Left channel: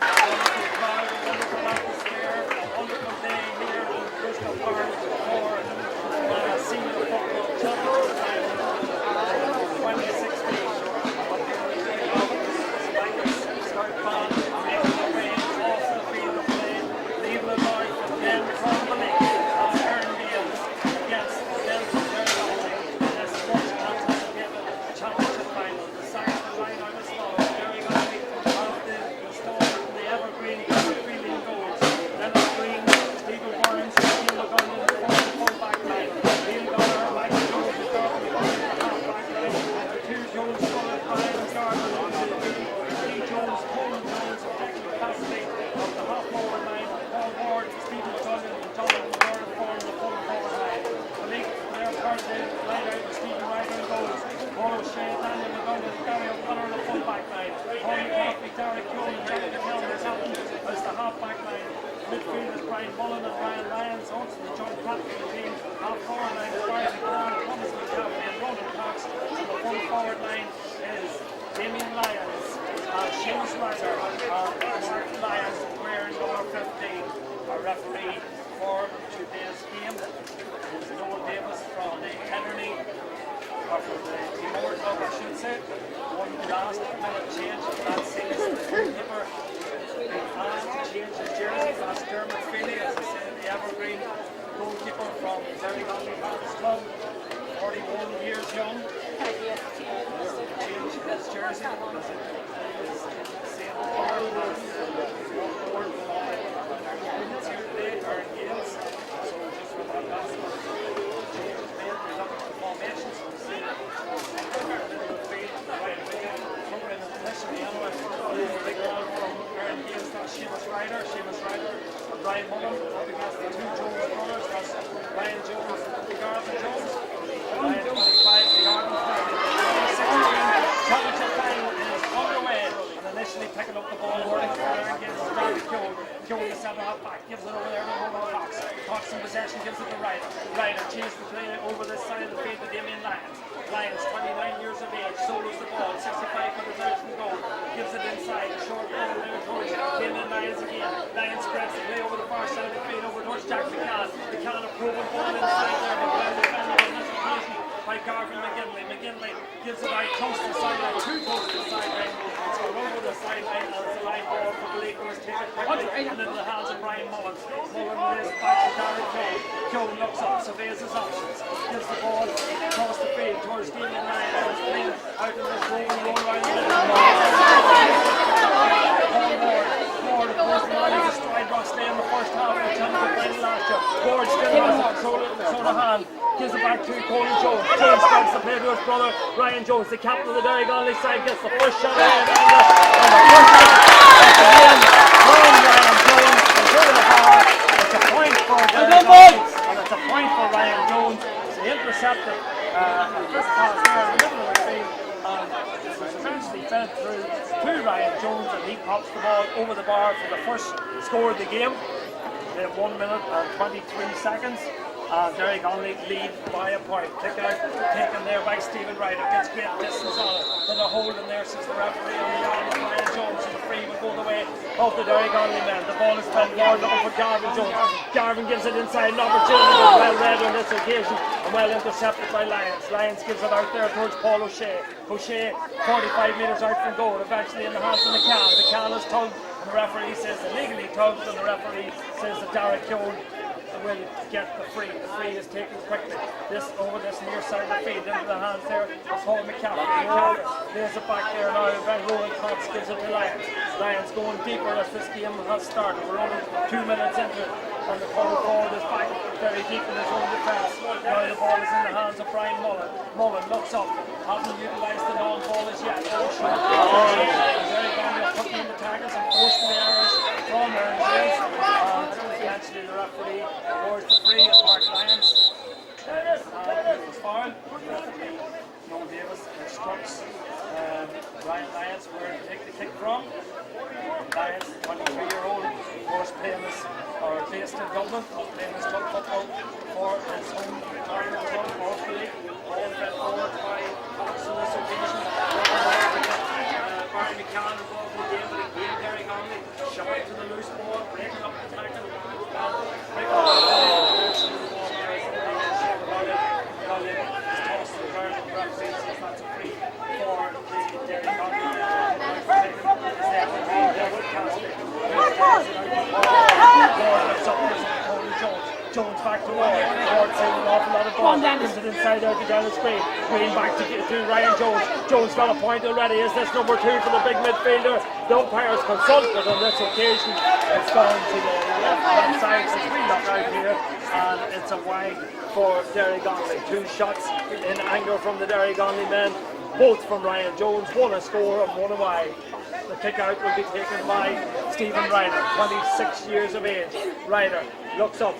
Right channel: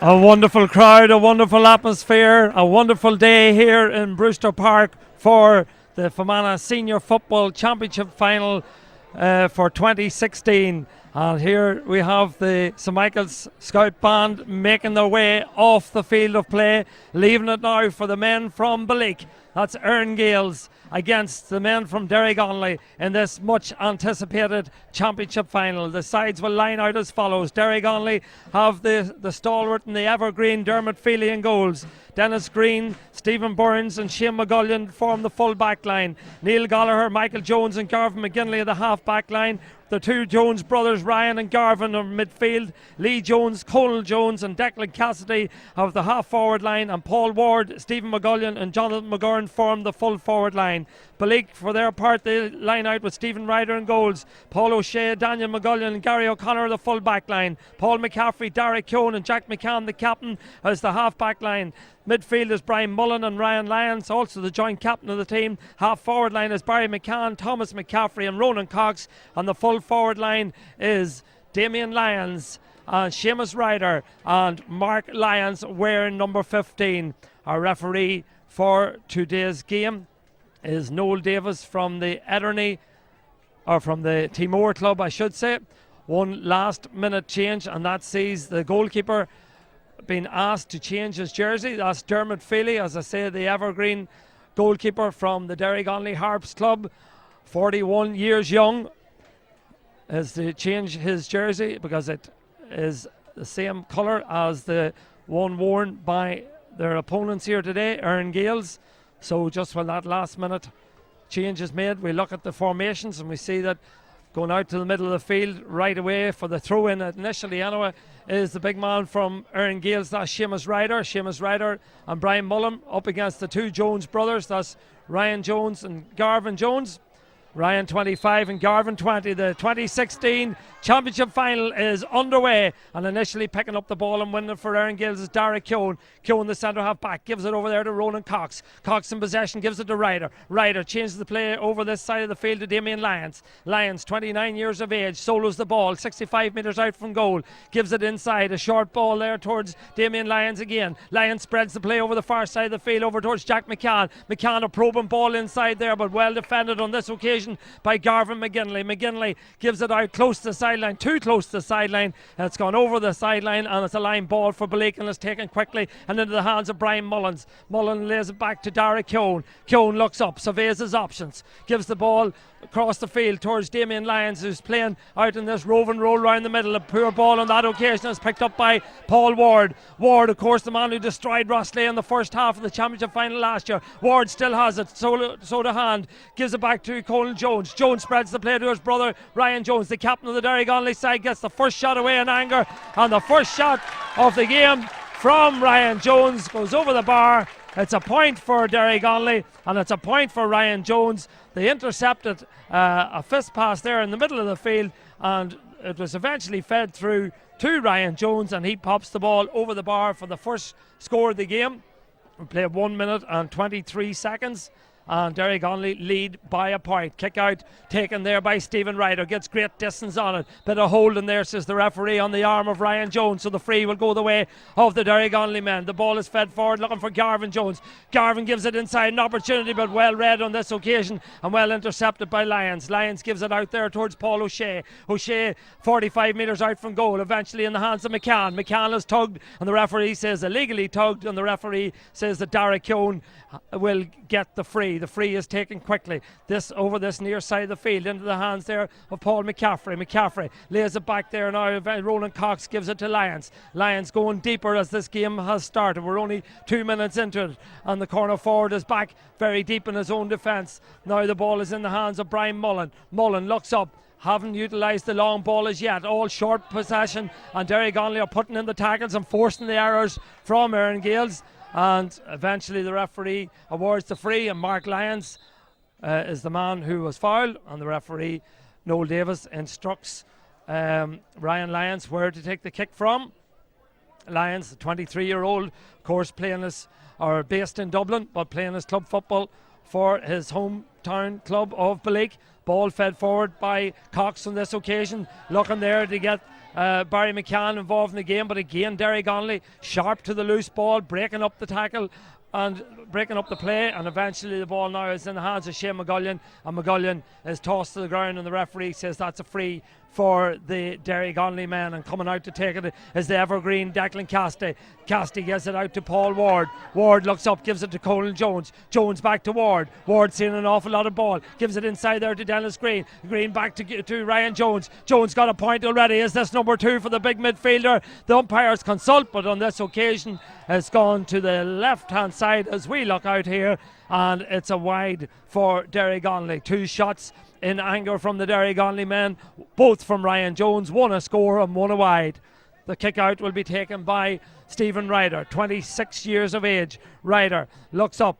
A wonderful crowd, a wonderful atmosphere, a wonderful day here in Brewster Park for the Fermanagh Senior Football Championship Final for 2016. And here we have the St Michael's Scout Band making their way off the field of play, leaving it now for the men from Balik. That's Erne Gaels against the men from Derrygonnelly in this much anticipated championship final. The sides will line out as follows. Derrygonnelly have the stalwart and the evergreen Dermot Feely in goals. Dennis Green, Stephen Burns and Shane McGullion form the full back line. Neil Gallagher, Michael Jones and Garvin McGinley in the half back line. The two Jones brothers, Ryan and Garvin, on midfield. Lee Jones, Colin Jones and Declan Cassidy of the half forward line, and Paul Ward, Stephen McGullion and Jonathan McGurn form the full forward line. Balik, for their part, they line out with Stephen Ryder in goals, Paul O'Shea, Daniel McGullion and Gary O'Connor the full back line. Paul McCaffrey, Derek Keown and Jack McCann the captain as the half back line. Midfield is Brian Mullen and Ryan Lyons, also the joint captain of the team. Half forward line is Barry McCann, Thomas McCaffrey and Ronan Cox, and the full forward line is Damien Lyons and Seamus Ryder and Mark Lyons wearing number 15. Our referee for today's game is Noel Davis from the Erne, or from the Timor club I should say. One last minute change, and that sees the goalkeeper being asked to change his jersey. That's Dermot Feely, as I say, the evergreen goalkeeper from the Derrygonnelly Harps club, 41 years young, is to change his jersey because it is the same colour as the one worn by their opponents here today, Erne Gaels. So just when that last minute change is made, we look at the formations and we see that going out to the middle of the field right away for the throw in initially anyway is the big man from Erne Gaels, that's Seamus Ryder and Brian Mullen, up against the two Jones brothers, that's Ryan Jones and Garvin Jones. Ryan 25 and Garvin 20. The 2016 championship final is underway, and initially picking up the ball and winning it for Erne Gaels is Derek Keown. Keown, the centre half back, gives it over there to Ronan Cox. Cox in possession, gives it to Ryder. Ryder changes the play over this side of the field to Damien Lyons. Lyons, 29 years of age, solos the ball 65 metres out from goal, gives it inside, a short ball there towards Damien Lyons again. Lyons spreads the play over the far side of the field over towards Jack McCann. McCann, a probing ball inside there, but well defended on this occasion by Garvin McGinley. McGinley gives it out close to the sideline, too close to the sideline. It's gone over the sideline, and it's a line ball for Blake, and it's taken quickly and into the hands of Brian Mullins. Mullins lays it back to Derek Keown. Keown looks up, surveys his options, gives the ball across the field towards Damien Lyons, who's playing out in this roving roll around the middle. A poor ball in that occasion is picked up by Paul Ward. Ward, of course, the man who destroyed Rosslea in the first half of the championship final last year. Ward still has it, so to hand. Gives it back to Colin Jones. Jones spreads the play to his brother Ryan Jones, the captain of the Derrygonnelly side, gets the first shot away in anger, and the first shot of the game from Ryan Jones is over the bar. It's a point for Derrygonnelly, and it's a point for Ryan Jones. They intercepted a fist pass there in the middle of the field, and it was eventually fed through to Ryan Jones, and he pops the ball over the bar for the first score of the game. They have 1 minute and 23 seconds. And Derrygonnelly lead by a point. Kick out taken there by Stephen Ryder. Gets great distance on it. Bit of holding there, says the referee, on the arm of Ryan Jones. So the free will go the way of the Derrygonnelly men. The ball is fed forward looking for Garvin Jones. Garvin gives it inside. An opportunity, but well read on this occasion and well intercepted by Lyons. Lyons gives it out there towards Paul O'Shea. O'Shea 45 metres out from goal. Eventually in the hands of McCann. McCann is tugged, and the referee says illegally tugged, and the referee says that Derek Keown will get the free. The free is taken quickly. This over this near side of the field into the hands there of Paul McCaffrey. McCaffrey lays it back there now. Roland Cox gives it to Lyons. Lyons going deeper as this game has started. We're only 2 minutes into it, and the corner forward is back very deep in his own defence. Now the ball is in the hands of Brian Mullen. Mullen looks up. Haven't utilised the long ball as yet. All short possession, and Derrygonnelly are putting in the tackles and forcing the errors from Erne Gaels, and eventually the referee awards the free, and Mark Lyons is the man who was fouled, and the referee Noel Davis instructs Ryan Lyons where to take the kick from. Lyons, 23-year-old, of course, playing this, or based in Dublin, but playing his club football for his hometown club of Balik. Ball fed forward by Cox on this occasion, looking there to get Barry McCann involved in the game, but again Derrygonnelly sharp to the loose ball, breaking up the tackle and breaking up the play, and eventually the ball now is in the hands of Shane McGullion, and McGullion is tossed to the ground, and the referee says that's a free for the Derrygonnelly men, and coming out to take it is the evergreen Declan Casti. Casti gives it out to Paul Ward. Ward looks up, gives it to Colin Jones. Jones back to Ward. Ward seeing an awful lot of ball. Gives it inside there to Dennis Green. Green back to Ryan Jones. Jones got a point already. Is this number 2 for the big midfielder? The umpires consult, but on this occasion it's gone to the left-hand side as we look out here, and it's a wide for Derrygonnelly. 2 shots in anger from the Derrygonnelly men, both from Ryan Jones, 1 a score and 1 a wide. The kick out will be taken by Stephen Ryder, 26 years of age. Ryder looks up,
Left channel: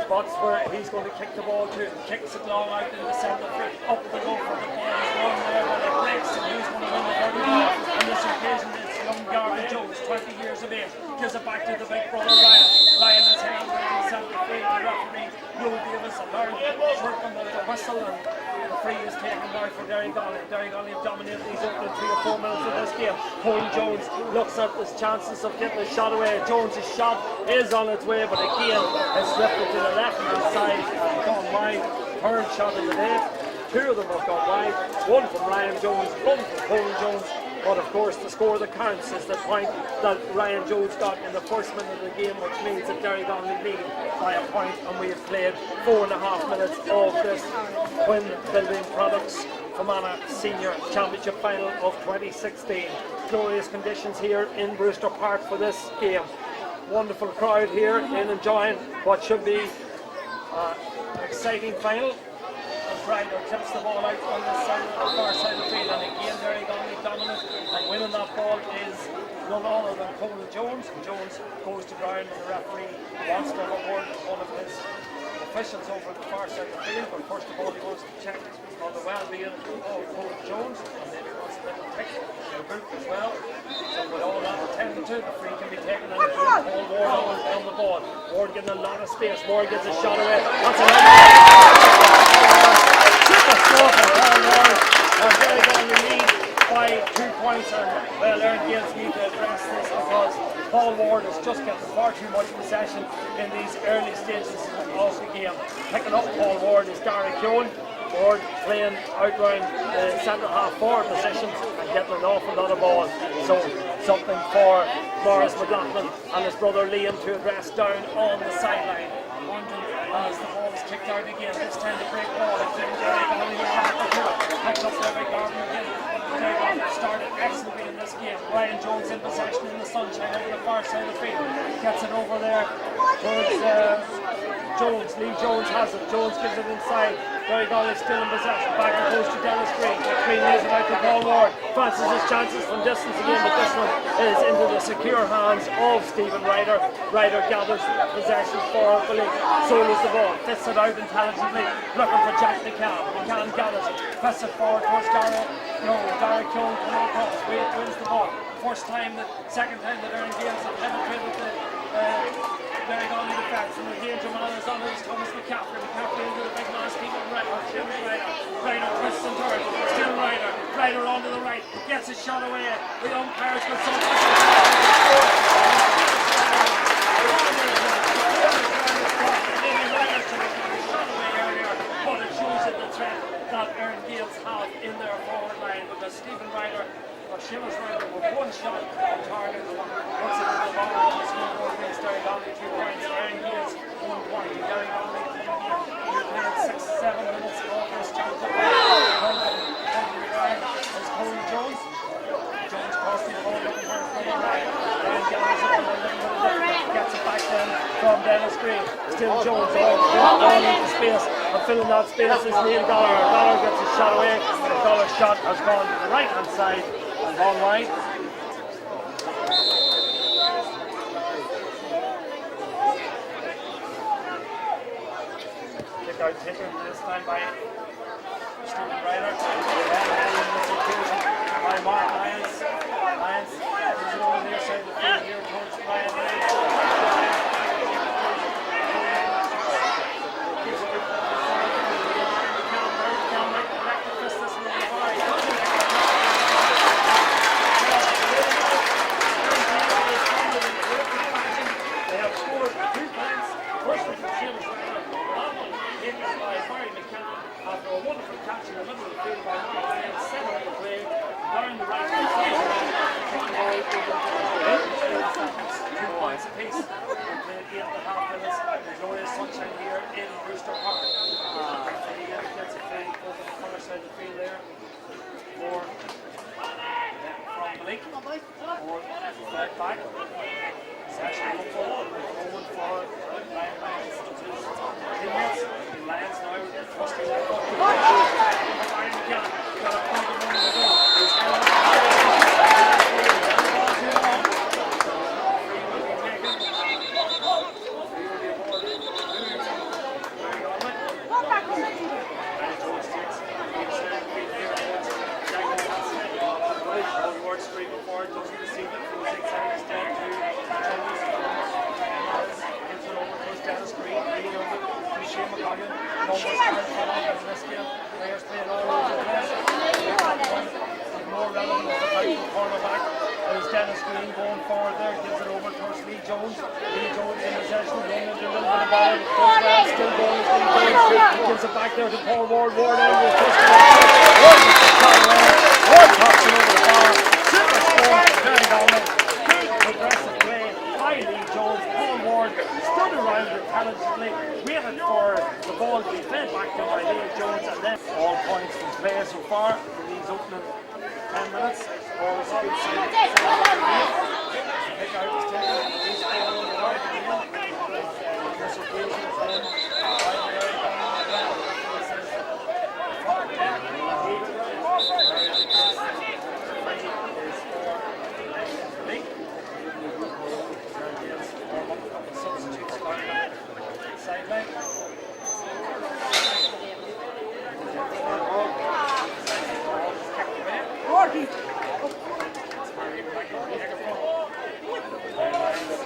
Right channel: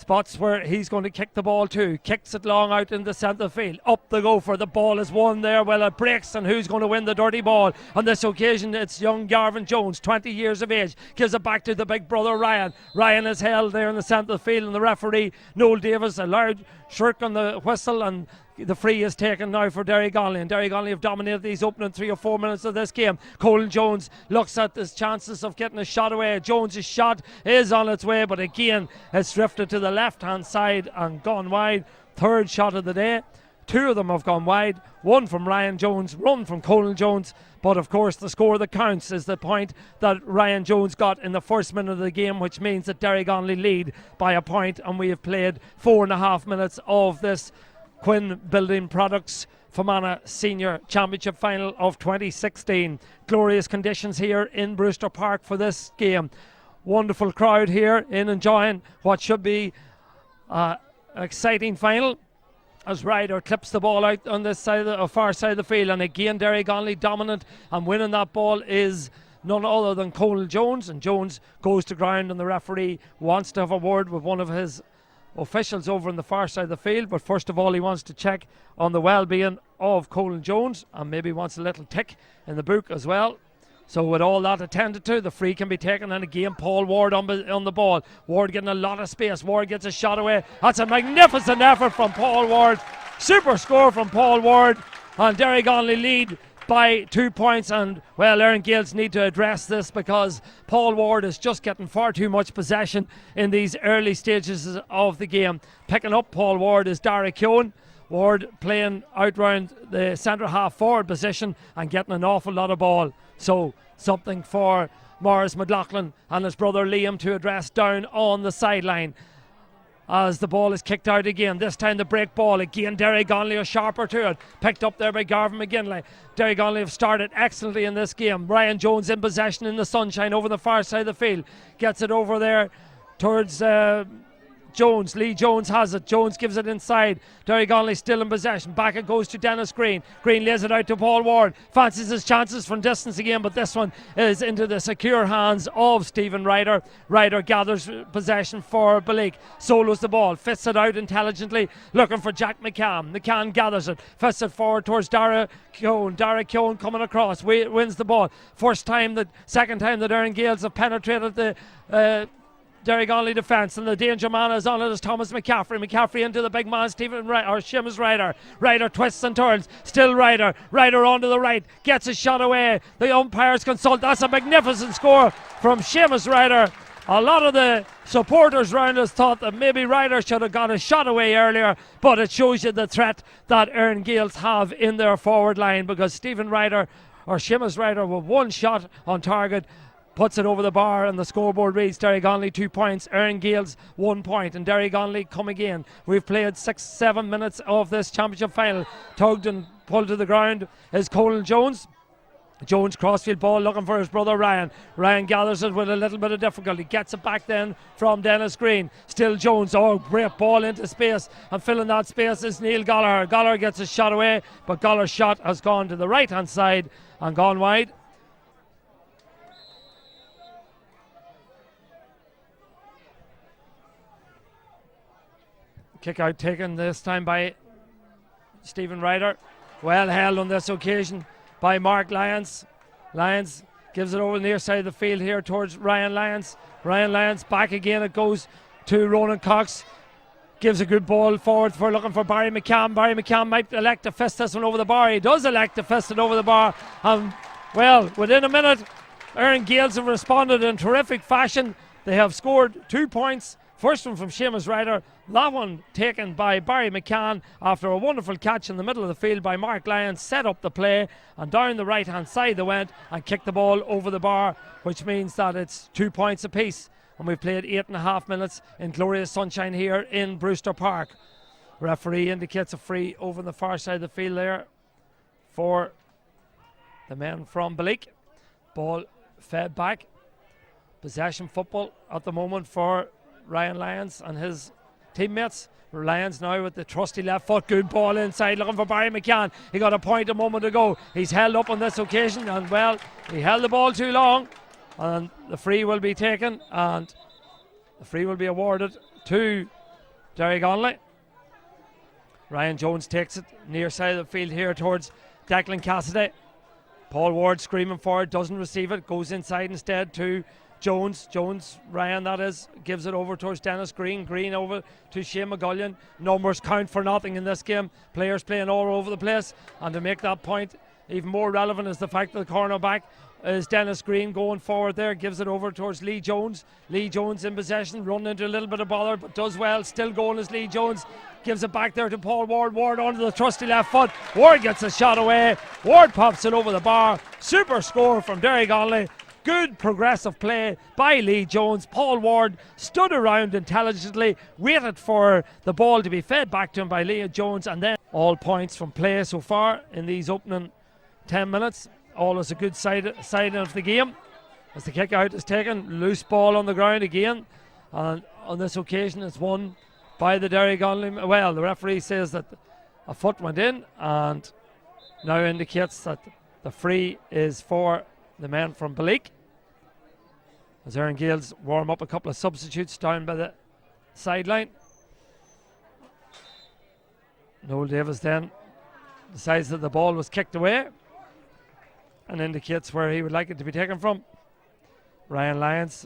spots where he's going to kick the ball to, kicks it long out in the centre field, up the gopher, the ball is won there, well it breaks, and who's going to win the dirty ball? On this occasion it's young Garvin Jones, 20 years of age, gives it back to the big brother Ryan. Ryan is held there in the centre field, and the referee Noel Davis, a loud shirk on the whistle, and the free is taken now for Derrygonnelly, and Derrygonnelly have dominated these opening 3 or 4 minutes of this game. Colin Jones looks at his chances of getting a shot away. Jones' shot is on its way, but again it's drifted to the left hand side and gone wide. 3rd shot of the day. 2 of them have gone wide, 1 from Ryan Jones, 1 from Colin Jones. But of course the score that counts is the point that Ryan Jones got in the first minute of the game, which means that Derrygonnelly lead by a point, and we have played 4.5 minutes of this Quinn Building Products Fermanagh Senior Championship Final of 2016. Glorious conditions here in Brewster Park for this game. Wonderful crowd here in enjoying what should be an exciting final, as Ryder clips the ball out on this side, far side of the field, and again Derrygonnelly dominant, and winning that ball is none other than Colin Jones, and Jones goes to ground, and the referee wants to have a word with one of his officials over on the far side of the field, but first of all he wants to check on the well-being of Colin Jones, and maybe wants a little tick in the boot as well. So with all that attended to, the free can be taken, and again Paul Ward on the ball. Ward getting a lot of space. Ward gets a shot away. That's a magnificent effort from Paul Ward. Super score from Paul Ward. And Derrygonnelly lead by 2 points, and well, Erne Gaels need to address this because Paul Ward is just getting far too much possession in these early stages of the game. Picking up Paul Ward is Derrygonnelly. Ward playing out round the centre half forward position and getting an awful lot of ball. So something for Maurice McLaughlin and his brother Liam to address down on the sideline. As the ball is kicked out again, this time the break ball again. Derrygonnelly a sharper to it, picked up there by Garvin McGinley. Derrygonnelly have started excellently in this game. Ryan Jones in possession in the sunshine over the far side of the field, gets it over there towards Jones. Lee Jones has it. Jones gives it inside. Derrygonnelly still in possession. Back it goes to Dennis Green. Green lays it out to Paul Ward. Fancies his chances from distance again, but this one is into the secure hands of Stephen Ryder. Ryder gathers possession for Balik. Solos the ball. Fists it out intelligently. Looking for Jack McCann. McCann gathers it. Fists it forward towards Dara Keown coming across. Wins the ball. Second time that Erne Gaels have penetrated the Derrygonnelly defence, and the danger man is on it as Thomas McCaffrey. McCaffrey into the big man Seamus Ryder. Ryder twists and turns, still Ryder onto the right, gets his shot away. The umpires consult. That's a magnificent score from Seamus Ryder. A lot of the supporters around us thought that maybe Ryder should have got his shot away earlier, but it shows you the threat that Erne Gaels have in their forward line, because Stephen Ryder or Seamus Ryder with one shot on target puts it over the bar, and the scoreboard reads Derrygonnelly 2 points, Erne Gaels 1 point, and Derrygonnelly come again. We've played 6-7 minutes of this championship final. Tugged and pulled to the ground is Colin Jones. Jones crossfield ball looking for his brother Ryan. Ryan gathers it with a little bit of difficulty. Gets it back then from Dennis Green. Still Jones. Oh, great ball into space. And filling that space is Neil Gallagher. Gallagher gets his shot away, but Gallagher's shot has gone to the right hand side and gone wide. Kick out taken this time by Stephen Ryder. Well held on this occasion by Mark Lyons. Lyons gives it over the near side of the field here towards Ryan Lyons. Ryan Lyons back again. It goes to Ronan Cox. Gives a good ball forward for looking for Barry McCann. Barry McCann might elect to fist this one over the bar. He does elect to fist it over the bar. And well, within a minute, Erne Gaels have responded in terrific fashion. They have scored 2 points. First one from Seamus Ryder, that one taken by Barry McCann after a wonderful catch in the middle of the field by Mark Lyons, set up the play and down the right hand side they went and kicked the ball over the bar, which means that it's 2 points apiece. And we played 8.5 minutes in glorious sunshine here in Brewster Park. The referee indicates a free over the far side of the field there for the men from Balik. Ball fed back. Possession football at the moment for Ryan Lyons and his teammates. Lyons now with the trusty left foot. Good ball inside looking for Barry McCann. He got a point a moment ago. He's held up on this occasion, and well, he held the ball too long, and the free will be taken, and the free will be awarded to Derrygonnelly. Ryan Jones takes it near side of the field here towards Declan Cassidy. Paul Ward screaming forward, doesn't receive it, goes inside instead to Jones, Ryan that is, gives it over towards Dennis Green over to Shane McGullion. Numbers count for nothing in this game. Players playing all over the place, and to make that point even more relevant is the fact that the cornerback is Dennis Green going forward there, gives it over towards Lee Jones. Lee Jones in possession, running into a little bit of bother, does well, still going as Lee Jones, gives it back there to Paul Ward. Ward on with trusty left foot. Ward gets a shot away. Ward tops it over the bar. Super score from Derrygonnelly. Good progressive play by Lee Jones. Paul Ward stood around intelligently, waited for the ball to be fed back to him by Lee Jones, and then all points from play so far in these opening 10 minutes. All is a good side of the game. As the kick out is taken, loose ball on the ground again, and on this occasion it's won by the Derrygonnelly. Well, the referee says that the foot went in, and now indicates that the free is for the men from Balik. As Erne Gaels warm up a couple of substitutes down by the sideline. Noel Davis then decides that the ball was kicked away and indicates where he would like it to be taken from. Ryan Lyons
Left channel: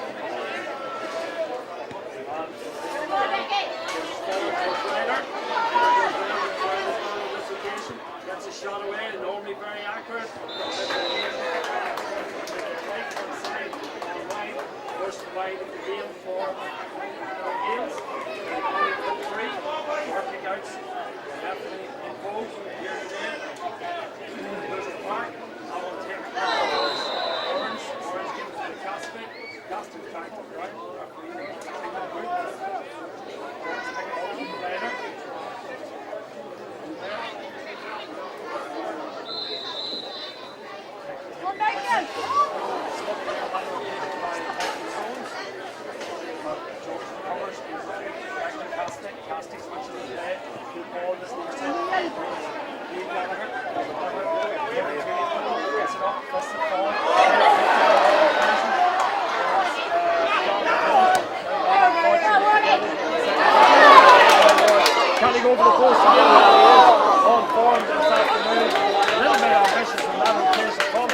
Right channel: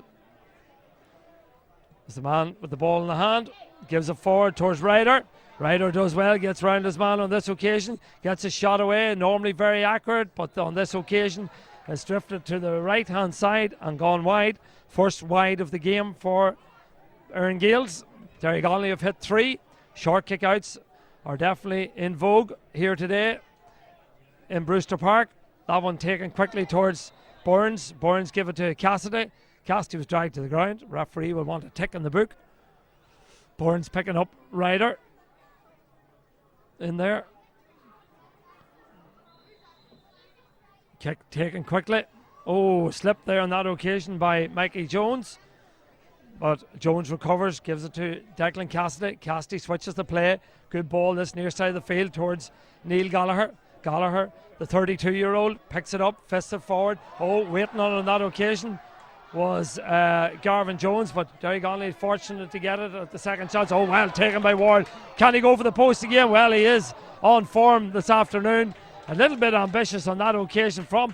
is the man with the ball in the hand, gives it forward towards Ryder. Ryder does well, gets round his man on this occasion, gets a shot away, normally very accurate, but on this occasion has drifted to the right hand side and gone wide. First wide of the game for Erne Gaels. Derrygonnelly have hit 3. Short kickouts are definitely in vogue here today in Brewster Park. That one taken quickly towards Burns. Burns give it to Cassidy. Cassidy was dragged to the ground. Referee will want to tick in the book. Burns picking up Ryder in there. Kick taken quickly. Oh, slipped there on that occasion by Mikey Jones. But Jones recovers, gives it to Declan Cassidy. Cassidy switches the play. Good ball this near side of the field towards Neil Gallagher. Gallagher, the 32-year-old, picks it up, fists it forward. Waiting on that occasion was Garvin Jones, but Derrygonnelly fortunate to get it at the second chance. Taken by Warren. Can he go for the post again? Well, he is on form this afternoon. A little bit ambitious on that occasion from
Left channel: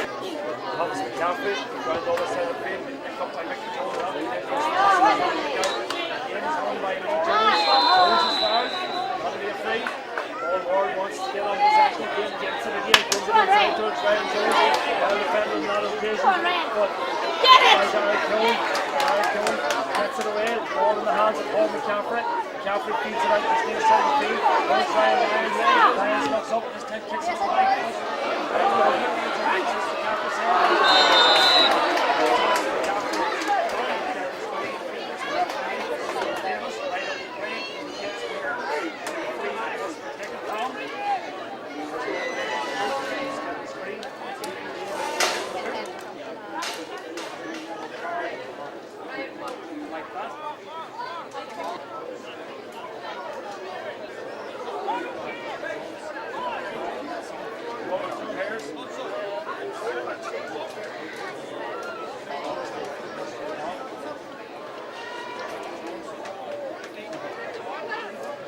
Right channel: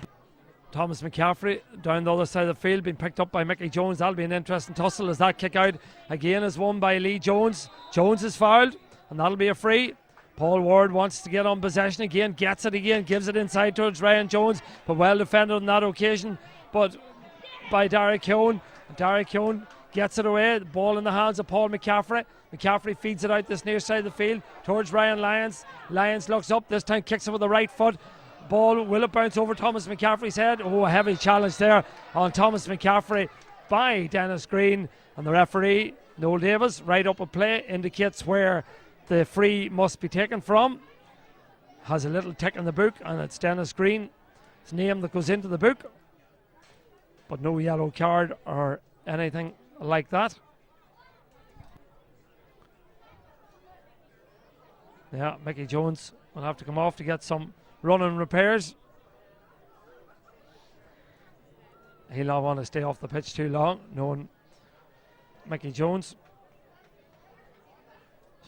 Thomas McCaffrey down the other side of the field, being picked up by Mickey Jones. That'll be an interesting tussle as that kick out again is won by Lee Jones. Jones is fouled, and that'll be a free. Paul Ward wants to get on possession again, gets it again, gives it inside towards Ryan Jones, but well defended on that occasion, but by Derek Cohn. Derek Cohn gets it away, ball in the hands of Paul McCaffrey. McCaffrey feeds it out this near side of the field towards Ryan Lyons. Lyons looks up, this time kicks it with the right foot. Ball will it bounce over Thomas McCaffrey's head? A little heavy challenge there on Thomas McCaffrey by Dennis Green. And the referee, Noel Davis, right up a play, indicates where the free must be taken from. Has a little tick in the boot, and it's Dennis Green's name that goes into the boot. But no yellow card or anything like that. Yeah, Mickey Jones will have to come off to get some running repairs. He'll not want to stay off the pitch too long, knowing Mickey Jones.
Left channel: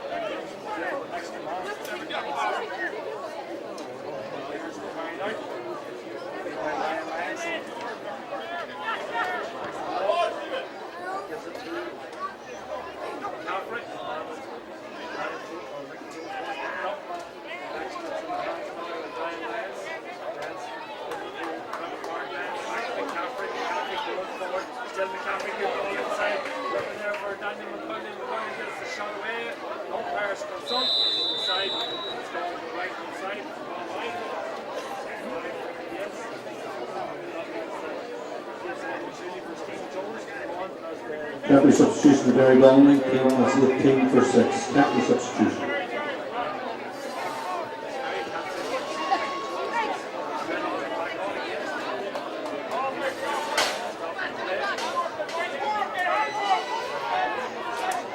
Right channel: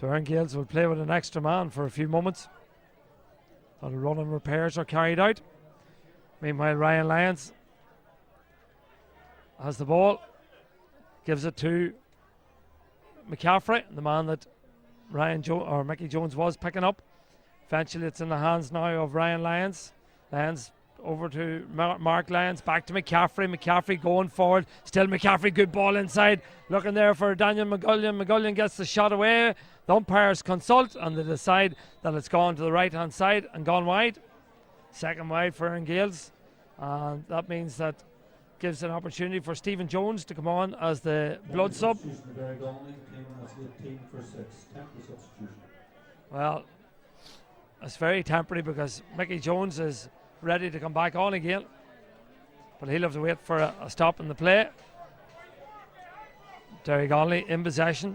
So Erne Gaels will play with an extra man for a few moments. And running repairs are carried out. Meanwhile, Ryan Lyons has the ball, gives it to McCaffrey, the man that Mickey Jones was picking up. Eventually it's in the hands now of Ryan Lyons. Lyons over to Mark Lyons, back to McCaffrey. McCaffrey going forward, still McCaffrey, good ball inside, looking there for Daniel McGullion. McGullion gets the shot away. The umpires consult and they decide that it's gone to the right hand side and gone wide. Second wide for Erne Gaels. That means that gives an opportunity for Stephen Jones to come on as the captain substitution for Derrygonnelly. Came on as the king for 6. Captain substitution. It's very temporary because Mickey Jones is ready to come back on again. And he'll have to wait for a stop in the play. Derrygonnelly in possession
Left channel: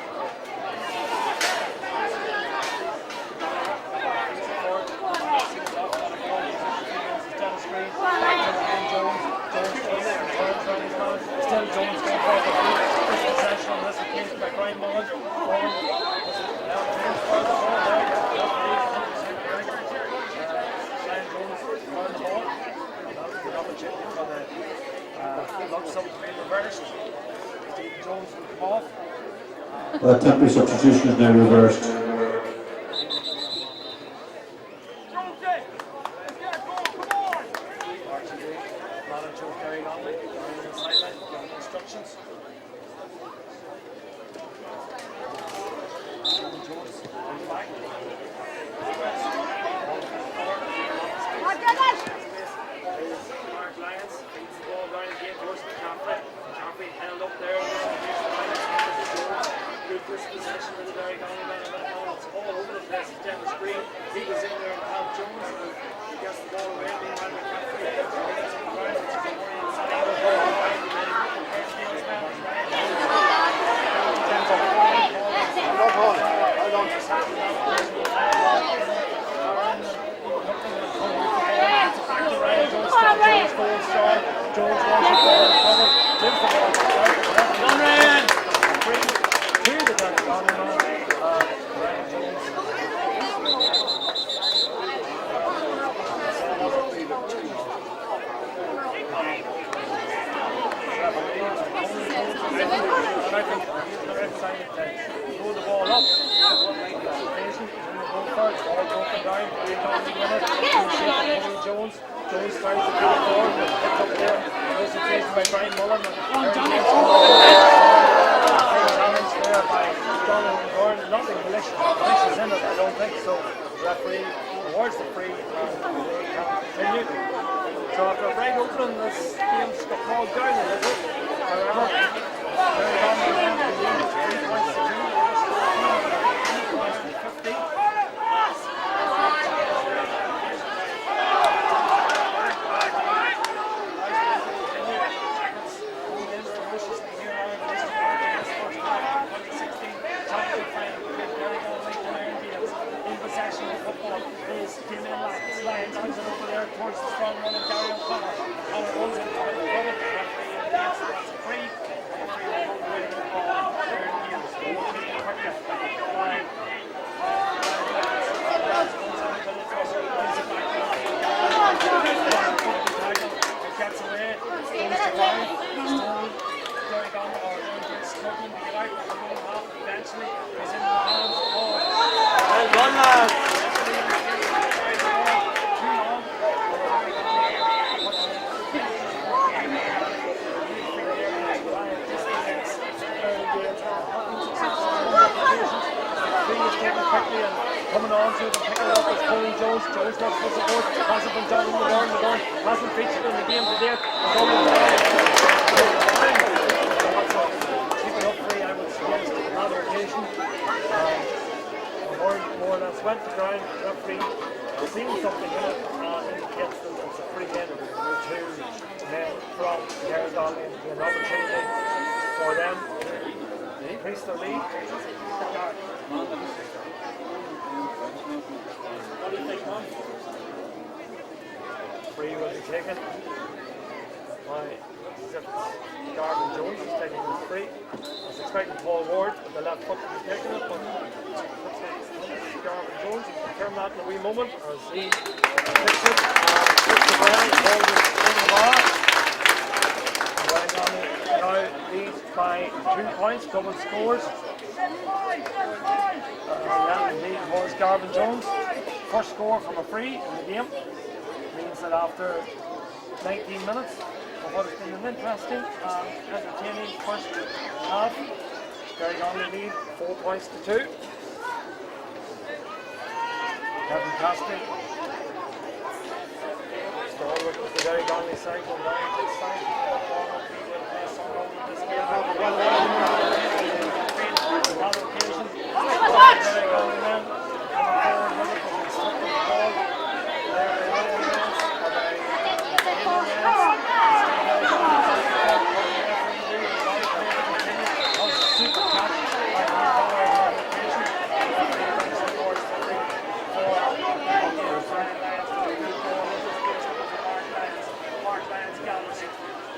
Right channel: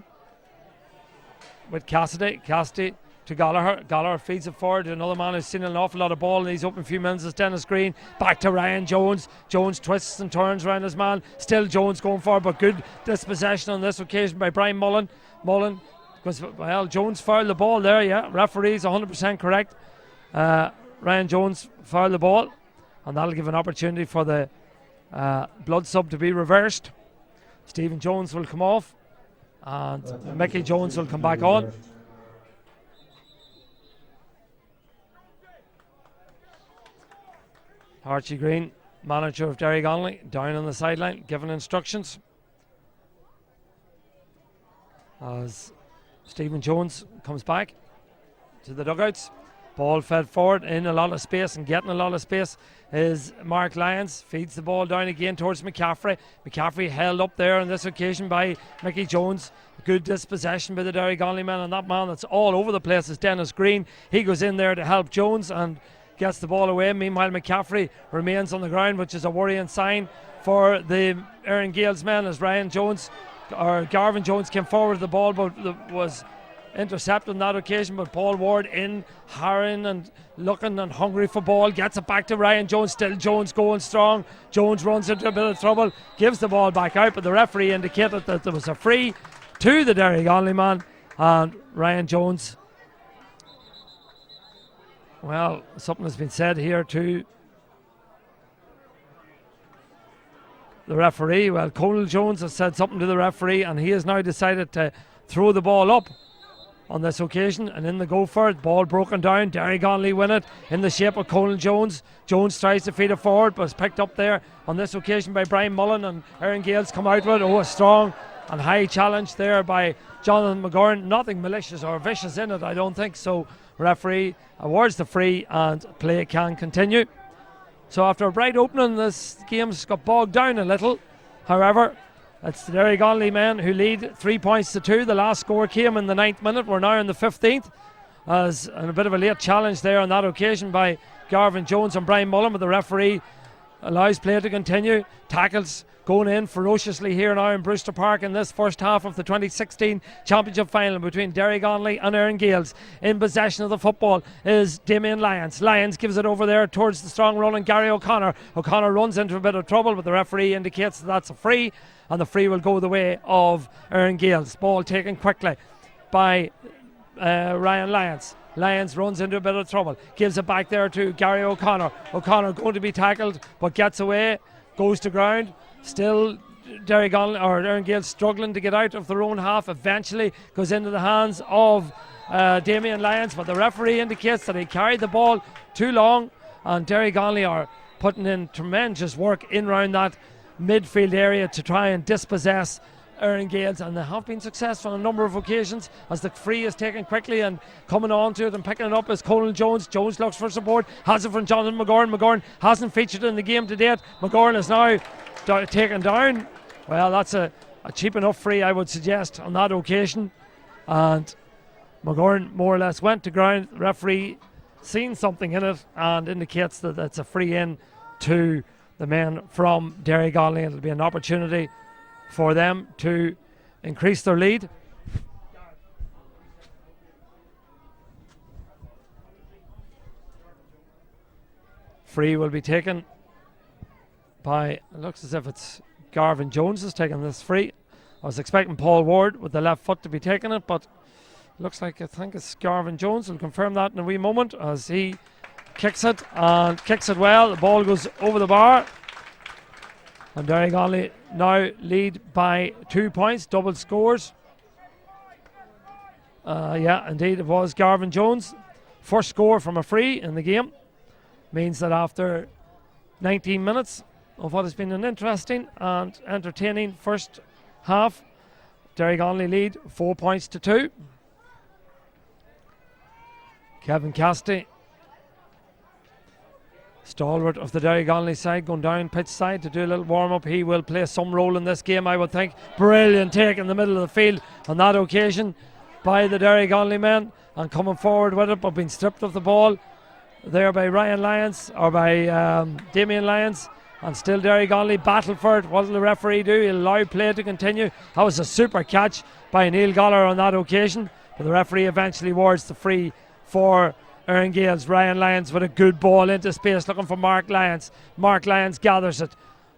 with Cassidy. Cassidy to Gallagher. Gallagher feeds it forward to another man who's seen an awful lot of ball. He's open a few minutes as Dennis Green. Back to Ryan Jones. Jones twists and turns around his man. Still Jones going forward, but good dispossession on this occasion by Brian Mullen. Mullen was, well, Jones fouled the ball there, yeah. Referee's 100% correct. Ryan Jones fouled the ball, and that'll give an opportunity for the blood sub to be reversed. Stephen Jones will come off. And Mickey Jones will come back on. Archie Green, manager of Derrygonnelly, down on the sideline, giving instructions. As Stephen Jones comes back to the dugouts. Ball fed forward in a lot of space, and getting a lot of space is Mark Lyons. Feeds the ball down again towards McCaffrey. McCaffrey held up there on this occasion by Mickey Jones. Good dispossession by the Derrygonnelly man, and that man that's all over the place is Dennis Green. He goes in there to help Jones and gets the ball away. Meanwhile, McCaffrey remains on the ground, which is a worrying sign for the Erne Gaels men as Garvin Jones came forward. The ball was intercepted on that occasion with Paul Ward in, Aaron and looking and hungry for ball, gets it back to Ryan Jones. Still Jones going strong. Jones runs into a bit of trouble, gives the ball back out, but the referee indicated that there was a free to the Derrygonnelly man, and Ryan Jones Well, something has been said here to the referee. Well, Colin Jones has said something to the referee, and he has now decided to throw the ball up on this occasion, and in the go for it. Ball broken down. Derrygonnelly win it in the shape of Colin Jones. Jones tries to feed it forward, but it's picked up there on this occasion by Brian Mullen, and Erne Gaels come out with a strong and high challenge there by Jonathan McGorn. Nothing malicious or vicious in it, I don't think so. The referee awards the free, and play can continue. So after a bright opening, this game's got bogged down a little. However, it's the Derrygonnelly men who lead 3 points to 2. The last score came in the 9th minute. We're now in the 15th. As a bit of a late challenge there on that occasion by Garvin Jones and Brian Mullen, but the referee allows play to continue. Tackles going in ferociously here now in Brewster Park in this first half of the 2016 championship final between Derrygonnelly and Erne Gaels. In possession of the football is Damien Lyons. Lyons gives it over there towards the strong running Gary O'Connor. O'Connor runs into a bit of trouble, but the referee indicates that that's a free, and the free will go the way of Erne Gaels. Ball taken quickly by Ryan Lyons. Lyons runs into a bit of trouble, gives it back there to Gary O'Connor. O'Connor going to be tackled, but gets away, goes to ground. Still Derrygonnelly or Erne Gaels struggling to get out of their own half. Eventually goes into the hands of Damien Lyons, but the referee indicates that he carried the ball too long, and Derrygonnelly are putting in tremendous work in around that midfield area to try and dispossess Erne Gaels, and they have been successful on a number of occasions as the free is taken quickly, and coming on to it and picking it up is Colin Jones. Jones looks for support, has it from Jonathan McGorn. McGorn hasn't featured in the game to date. McGorn is now got taken down. Well, that's a cheap enough free, I would suggest, on that occasion, and McGorn more or less went to ground. Referee seen something in it and indicates that it's a free in to the men from Derrygonnelly, and there'll be an opportunity for them to increase their lead. Free will be taken by, looks as if it's Garvin Jones is taking this free. I was expecting Paul Ward with the left foot to be taking it, but looks like I think it's Garvin Jones. We'll confirm that in a wee moment as he kicks it and kicks it well. The ball goes over the bar. And Derrygonnelly now lead by 2 points, double scores. Yeah, indeed it was Garvin Jones. First score from a free in the game means that after 19 minutes of what has been an interesting and entertaining first half, Derrygonnelly lead 4 points to 2. Kevin Cassidy, stalwart of the Derrygonnelly side, going down pitch side to do a little warm up. He will play some role in this game, I would think. Brilliant take in the middle of the field on that occasion by the Derrygonnelly men, and coming forward with it, but being stripped of the ball there by Ryan Lyons, or by Damien Lyons, and still Derrygonnelly battled for it. What did the referee do? He allowed play to continue. That was a super catch by Neil Goller on that occasion. The referee eventually awards the free for Erne Gaels. Ryan Lyons with a good ball into space, looking for Mark Lyons. Mark Lyons gathers it.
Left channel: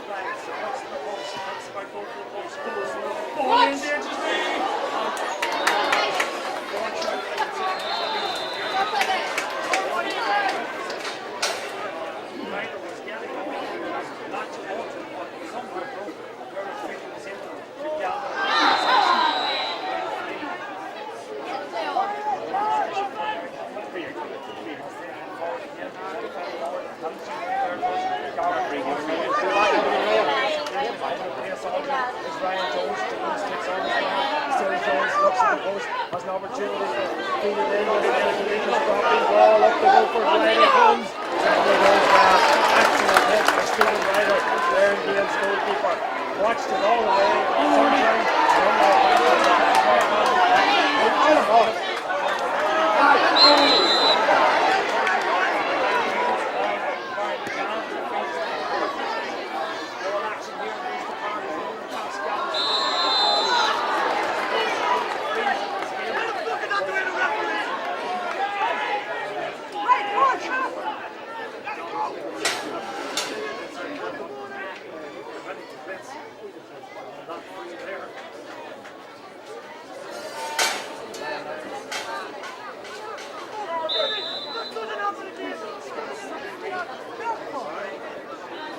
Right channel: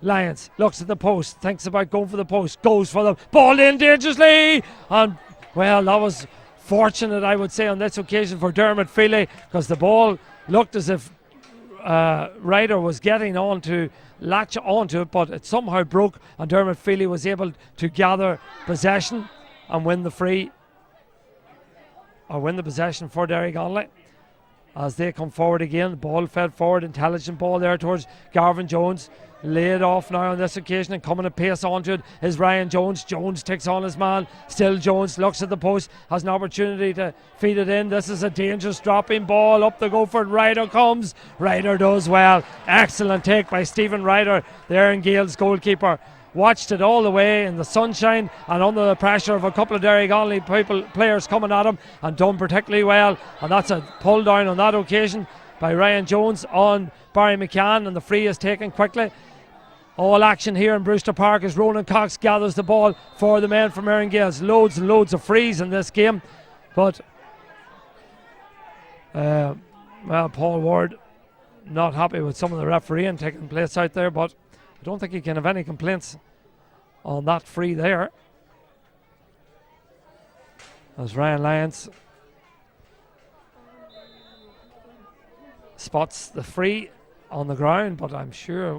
Lyons looks at the post, thinks about going for the post, goes for the ball in dangerously, and well, that was fortunate, I would say, on this occasion for Dermot Feely, because the ball looked as if Ryder was getting on to latch onto it, but it somehow broke, and Dermot Feely was able to gather possession and win the free, or win the possession for Derrygonnelly. As they come forward again, ball fell forward, intelligent ball there towards Garvin Jones. Laid off now on this occasion, and coming at pace onto it is Ryan Jones. Jones takes on his man. Still Jones looks at the post, has an opportunity to feed it in. This is a dangerous dropping ball. Up the go for Ryder comes. Ryder goes well. Excellent take by Stephen Ryder, the Erne Gaels goalkeeper. Watched it all the way in the sunshine and under the pressure of a couple of Derrygonnelly players coming at him, and done particularly well. And that's a pull down on that occasion by Ryan Jones on Barry McCann, and the free is taken quickly. All action here in Brewster Park as Ronan Cox gathers the ball for the men from Erne Gaels. Loads and loads of frees in this game, but well, Paul Ward not happy with some of the refereeing taking place out there, but I don't think he can have any complaints on that free there. As Ryan Lyons spots the free on the ground, but I'm sure,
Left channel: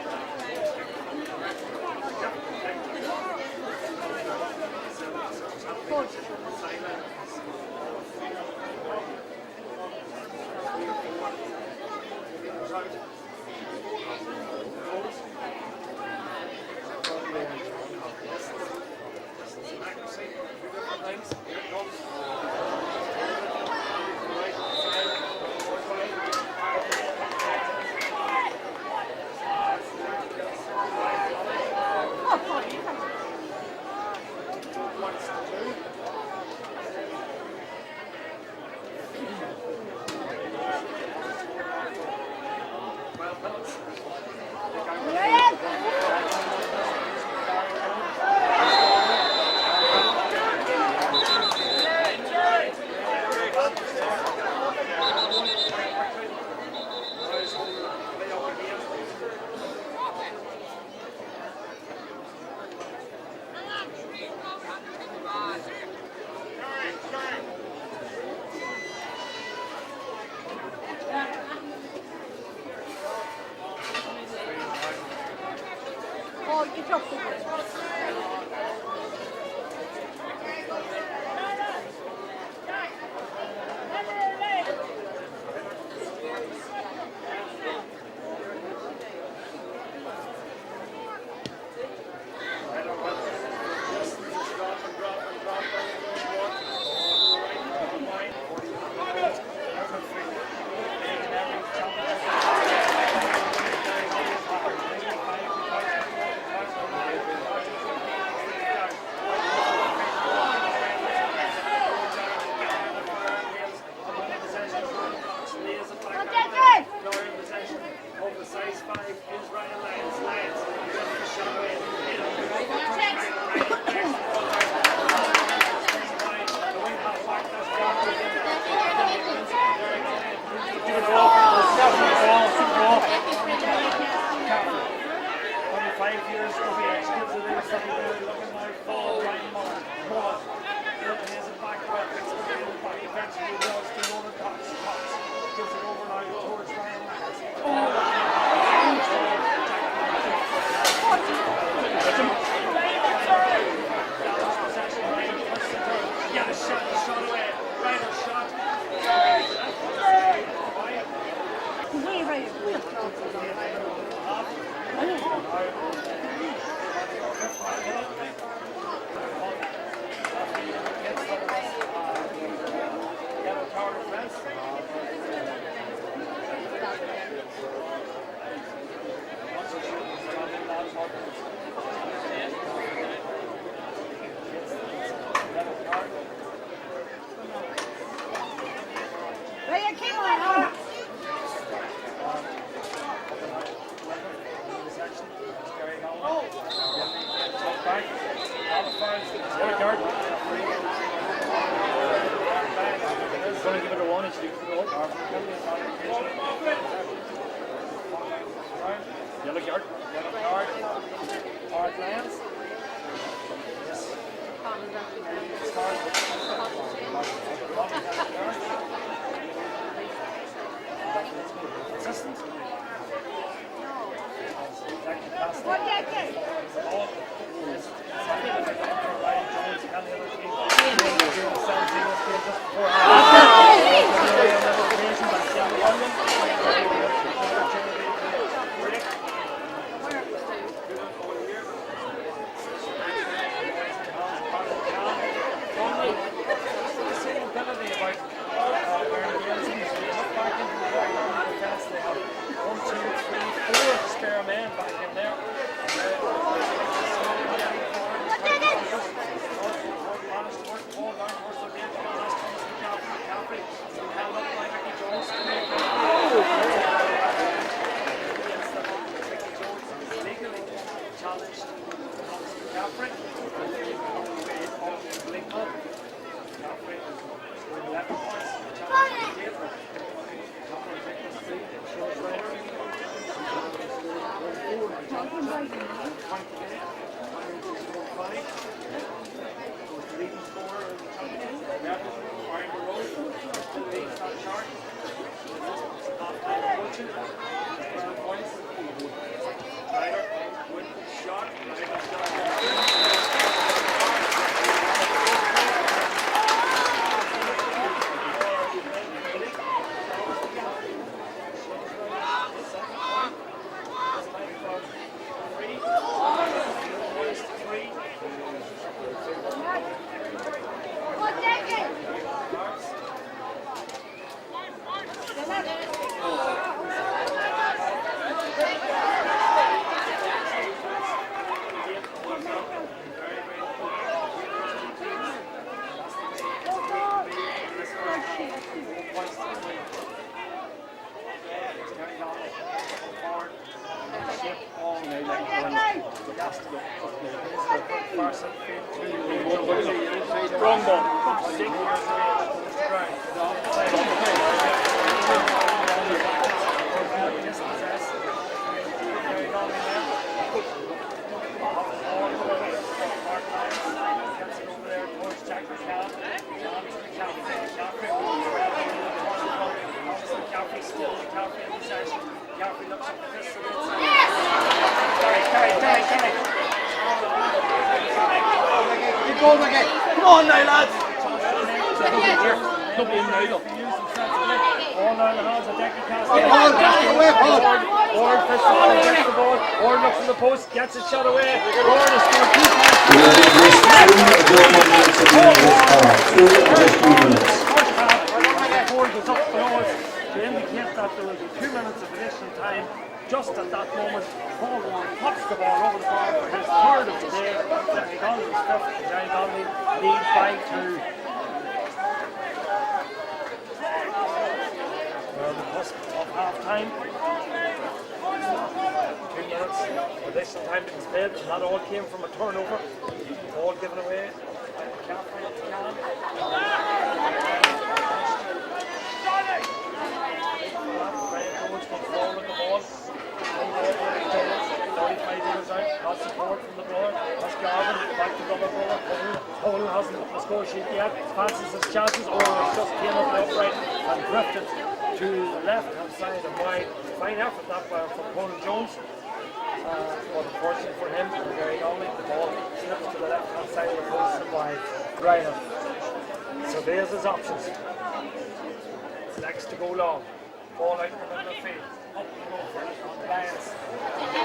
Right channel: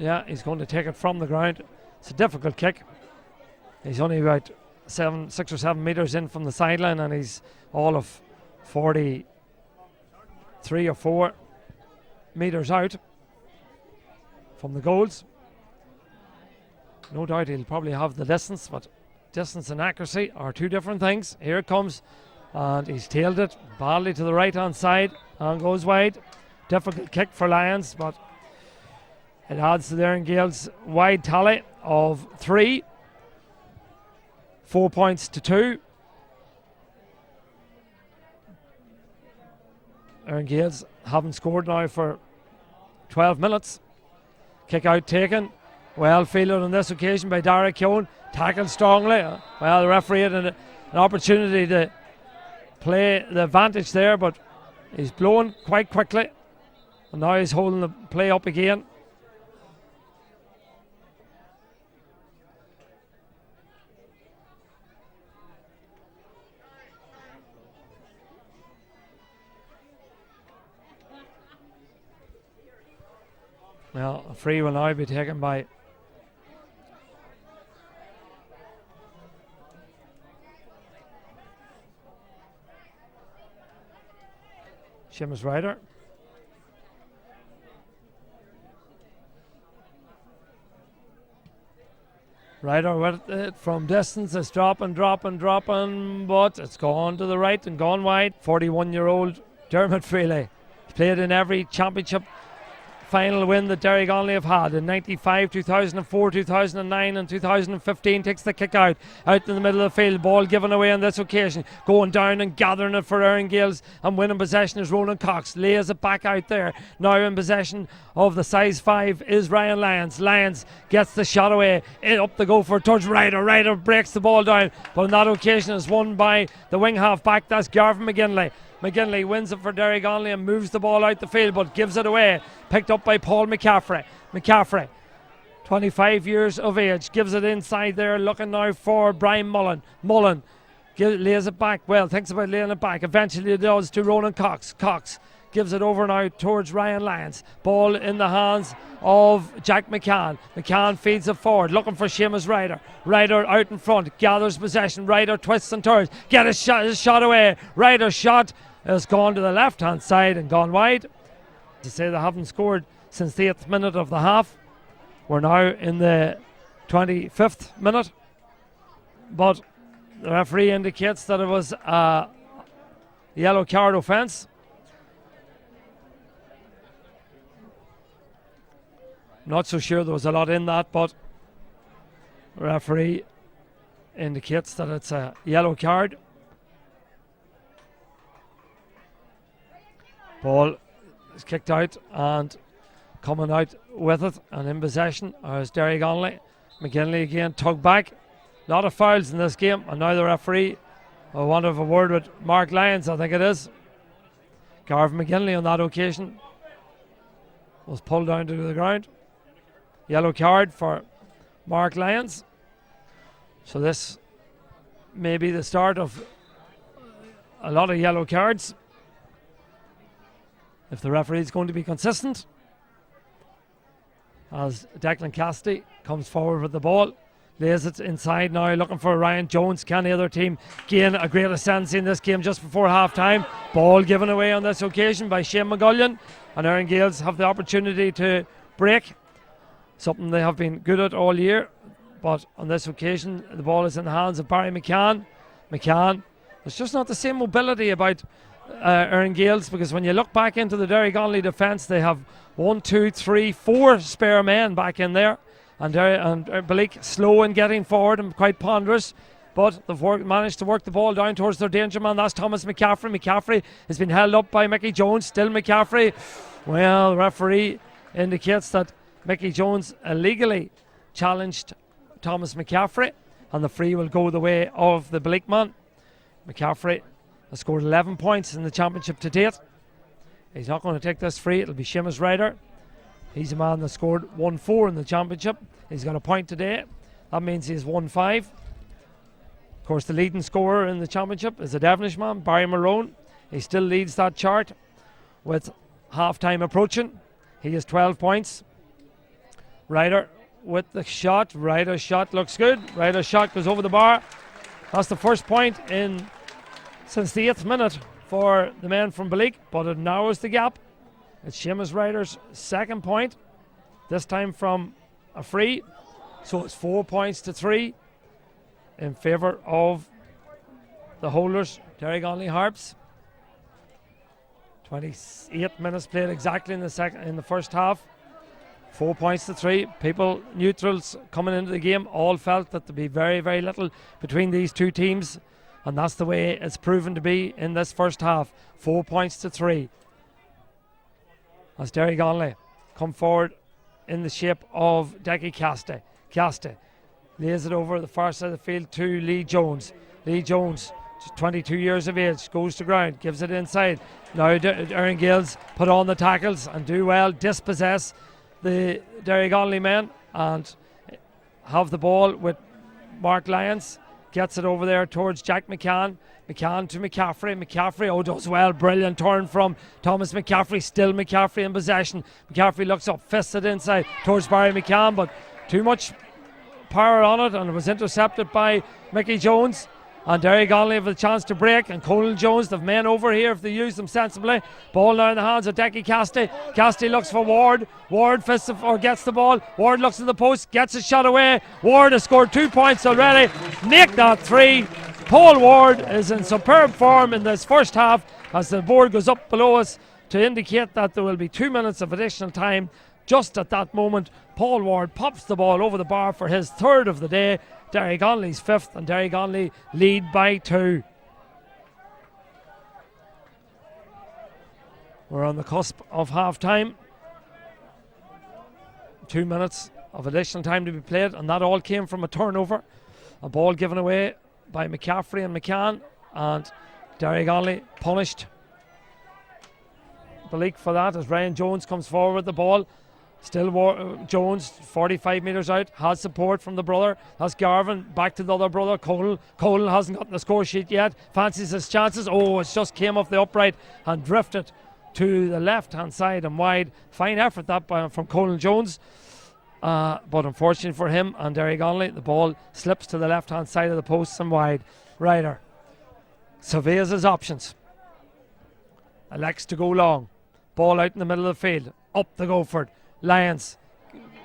yeah, he's going to take it from the ground. It's a difficult kick. He's only about 6 or 7 meters in from the sideline, and he's all of 43 or 4 meters out from the goals. No doubt he'll probably have the distance, but distance and accuracy are two different things. Here it comes, and he's tailed it badly to the right hand side and goes wide. Difficult kick for Lions, but it adds to their Gaels' wide tally of 3. 4 points to 2. Erne Gaels haven't scored now for 12 minutes. Kick out taken. Well fielded on this occasion by Derrygonnelly. Tackled strongly. Well, the referee had an opportunity to play the advantage there, but he's blown quite quickly. Now he's holding the play up again. Well, the free will now be taken by Seamus Ryder. Ryder went from distance, it's dropping, but it's gone to the right and gone wide. 41-year-old Dermot Freely played in every championship final win that Derrygonnelly have had in 95, 2004, 2009 and 2015. Takes the kick out in the middle of the field. Ball given away on this occasion. Going down and gathering it for Erne Gaels, and winning possession is Ronan Cox. Lays it back out there. Now in possession of the size 5 is Ryan Lyons. Lyons gets the shot away. Up to go for a touch. Ryder breaks the ball down. But on that occasion it's won by the wing half back. That's Garvin McGinley. McGinley wins it for Derrygonnelly and moves the ball out the field, but gives it away. Picked up by Paul McCaffrey. McCaffrey, 25 years of age, gives it inside there, looking now for Brian Mullen. Mullen lays it back. Well, thinks about laying it back. Eventually it does to Ronan Cox. Cox gives it over now towards Ryan Lyons. Ball in the hands of Jack McCann. McCann feeds it forward, looking for Seamus Ryder. Ryder out in front, gathers possession. Ryder twists and turns, get his shot away. Ryder's shot has gone to the left hand side and gone wide. To say they haven't scored since the 8th minute of the half. We're now in the 25th minute, but the referee indicates that it was a yellow card offence. Not so sure there was a lot in that, but the referee indicates that it's a yellow card. Ball is kicked out and coming out with it and in possession as Derrygonnelly. McGinley again tugged back. A lot of fouls in this game, and now the referee will want to have a word with Mark Lyons, I think it is. Garvin McGinley on that occasion was pulled down to the ground. Yellow card for Mark Lyons. So this may be the start of a lot of yellow cards if the referee is going to be consistent. As Declan Cassidy comes forward with the ball, lays it inside now, looking for Ryan Jones. Can the other team gain a great ascendancy in this game just before half time? Ball given away on this occasion by Shane McGullion, and Erne Gaels have the opportunity to break, something they have been good at all year. But on this occasion the ball is in the hands of Barry McCann. It's just not the same mobility about Erne Gaels, because when you look back into the Derrygonnelly defence, they have 1, 2, 3, 4 spare men back in there, and Blake slow in getting forward and quite ponderous, but they've managed to work the ball down towards their danger man. That's Thomas McCaffrey. McCaffrey has been held up by Mickey Jones. Still McCaffrey. Well, referee indicates that Mickey Jones illegally challenged Thomas McCaffrey, and the free will go the way of the Blake man. McCaffrey has scored 11 points in the championship to date. He's not going to take this free. It'll be Seamus Ryder. He's a man that scored 1-4 in the championship. He's going to point today. That means he's 1-5. Of course, the leading scorer in the championship is a Devonish man, Barry Marone. He still leads that chart. with half-time approaching. He has 12 points. Ryder with the shot. Ryder's shot looks good. Ryder's shot goes over the bar. That's the first point since the 8th minute for the men from Balik, but it narrows the gap. It's Seamus Ryder's second point, this time from a free. So it's 4 points to 3 in favour of the holders, Derrygonnelly Harps. 28 minutes played exactly in the first half. 4 points to 3. People, neutrals coming into the game, all felt that there'd be very, very little between these two teams, and that's the way it's proven to be in this first half. 4 points to 3. As Derrygonnelly come forward in the shape of Decky Caston lays it over the far side of the field to Lee Jones. Lee Jones, 22 years of age, goes to ground, gives it inside. Now Erne Gaels put on the tackles and do well, dispossess the Derrygonnelly men and have the ball with Mark Lyons. Gets it over there towards Jack McCann. McCann to McCaffrey. McCaffrey does well. Brilliant turn from Thomas McCaffrey. Still McCaffrey in possession. McCaffrey looks up, fists it inside towards Barry McCann, but too much power on it, and it was intercepted by Mickey Jones. And Derrygonnelly have a chance to break, and Colin Jones, the men over here, if they use them sensibly. Ball now in the hands of Decky Casty. Casty looks for Ward. Ward gets the ball. Ward looks in the post, gets a shot away. Ward has scored 2 points already. Nicked that free. Paul Ward is in superb form in this first half as the board goes up below us to indicate that there will be 2 minutes of additional time. Just at that moment, Paul Ward pops the ball over the bar for his third of the day. Derrygonnelly's fifth, and Derrygonnelly lead by 2. We're on the cusp of half-time. 2 minutes of additional time to be played, and that all came from a turnover. A ball given away by McCaffrey and McCann, and Derrygonnelly punished the leak for that as Brian Jones comes forward with the ball. Still Jones, 45 metres out, has support from the brother. That's Garvin, back to the other brother, Cole. Cole hasn't got the score sheet yet, fancies his chances. Oh, it just came up the upright and drifted to the left-hand side and wide. Fine effort that from Colin Jones. But unfortunately for him and Derrygonnelly, the ball slips to the left-hand side of the post and wide. Ryder surveys his options. Elects to go long. Ball out in the middle of the field. Up the go for it. Lyons.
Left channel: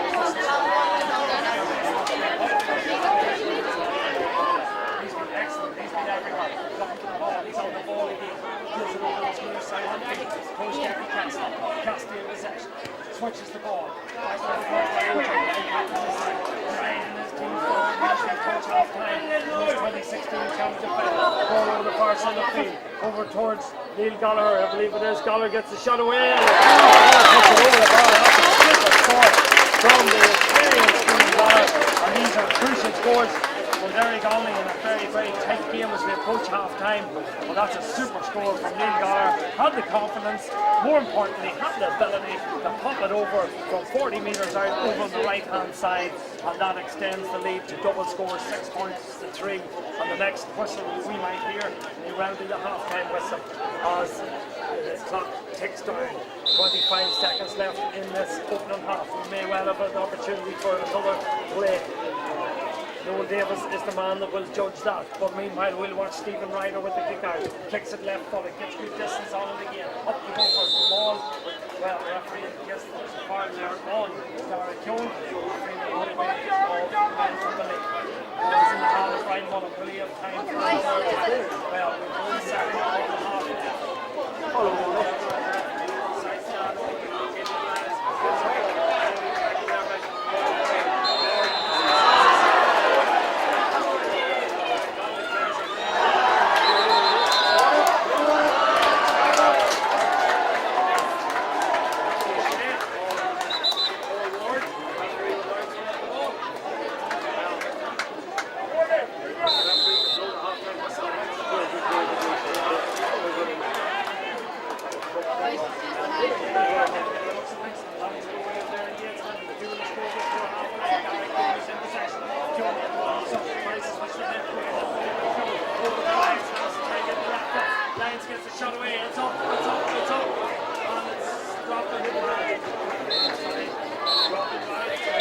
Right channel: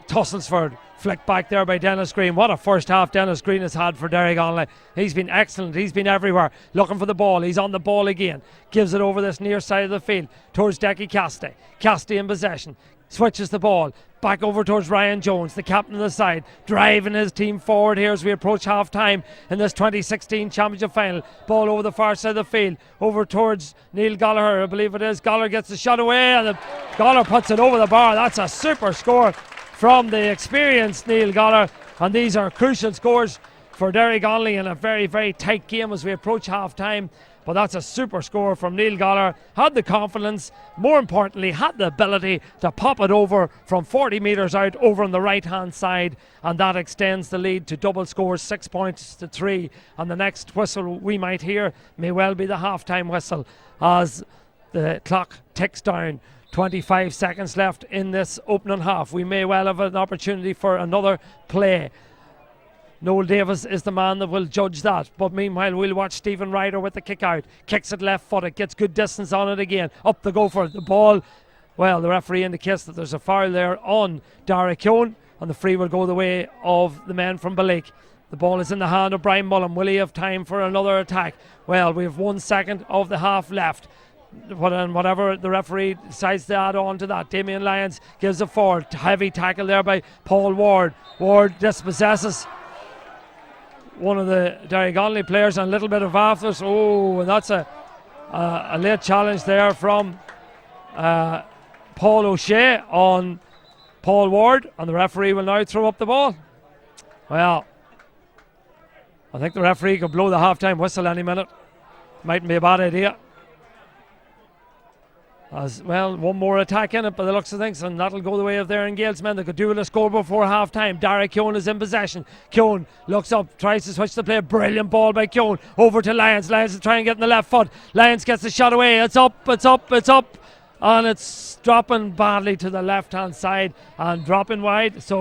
Tusselsford. Flick back there by Dennis Green. What a first half Dennis Green has had for Derrygonnelly. He's been excellent. He's been everywhere. Looking for the ball. He's on the ball again. Gives it over this near side of the field towards Decky Casty. Casty in possession. Switches the ball. Back over towards Ryan Jones, the captain of the side, driving his team forward here as we approach half-time in this 2016 championship final. Ball over the far side of the field, over towards Neil Gallagher, I believe it is. Gallagher gets the shot away, and Gallagher puts it over the bar. That's a super score from the experienced Neil Gallagher, and these are crucial scores for Derrygonnelly in a very, very tight game as we approach half-time. But that's a super score from Neil Gallagher. Had the confidence, more importantly, had the ability to pop it over from 40 metres out over on the right-hand side, and that extends the lead to double scores, 6 points to 3. And the next whistle we might hear may well be the half-time whistle as the clock ticks down. 25 seconds left in this opening half. We may well have an opportunity for another play. Noel Davis is the man that will judge that, but meanwhile we'll watch Stephen Ryder with the kick out. Kicks it left footed, gets good distance on it again. Up the go for it. The ball, well, the referee indicates that there's a foul there on Dara Keown, and the free will go the way of the men from Balik. The ball is in the hand of Brian Mullen. Will he have time for another attack? Well, we have 1 second of the half left. Well, whatever the referee decides to add on to that, Damien Lyons gives it forward. Heavy tackle there by Paul Ward. Ward dispossesses one of the Derrygonnelly players on a little bit of baffles. Oh, and that's a late challenge there from Paul O'Shea on Paul Ward, and the referee will now throw up the ball. Well, I think the referee could blow the half-time whistle any minute. Mightn't be a bad idea. Well, one more attack in it by the looks of things, and that'll go the way of their engagement. They could do it a score before half time. Dara Keown is in possession. Keown looks up, tries to switch the play. Brilliant ball by Keown over to Lyons. Lyons is trying to get in the left foot. Lyons gets the shot away. It's up, it's up, it's up. and it's dropping badly to the left hand side and dropping wide. So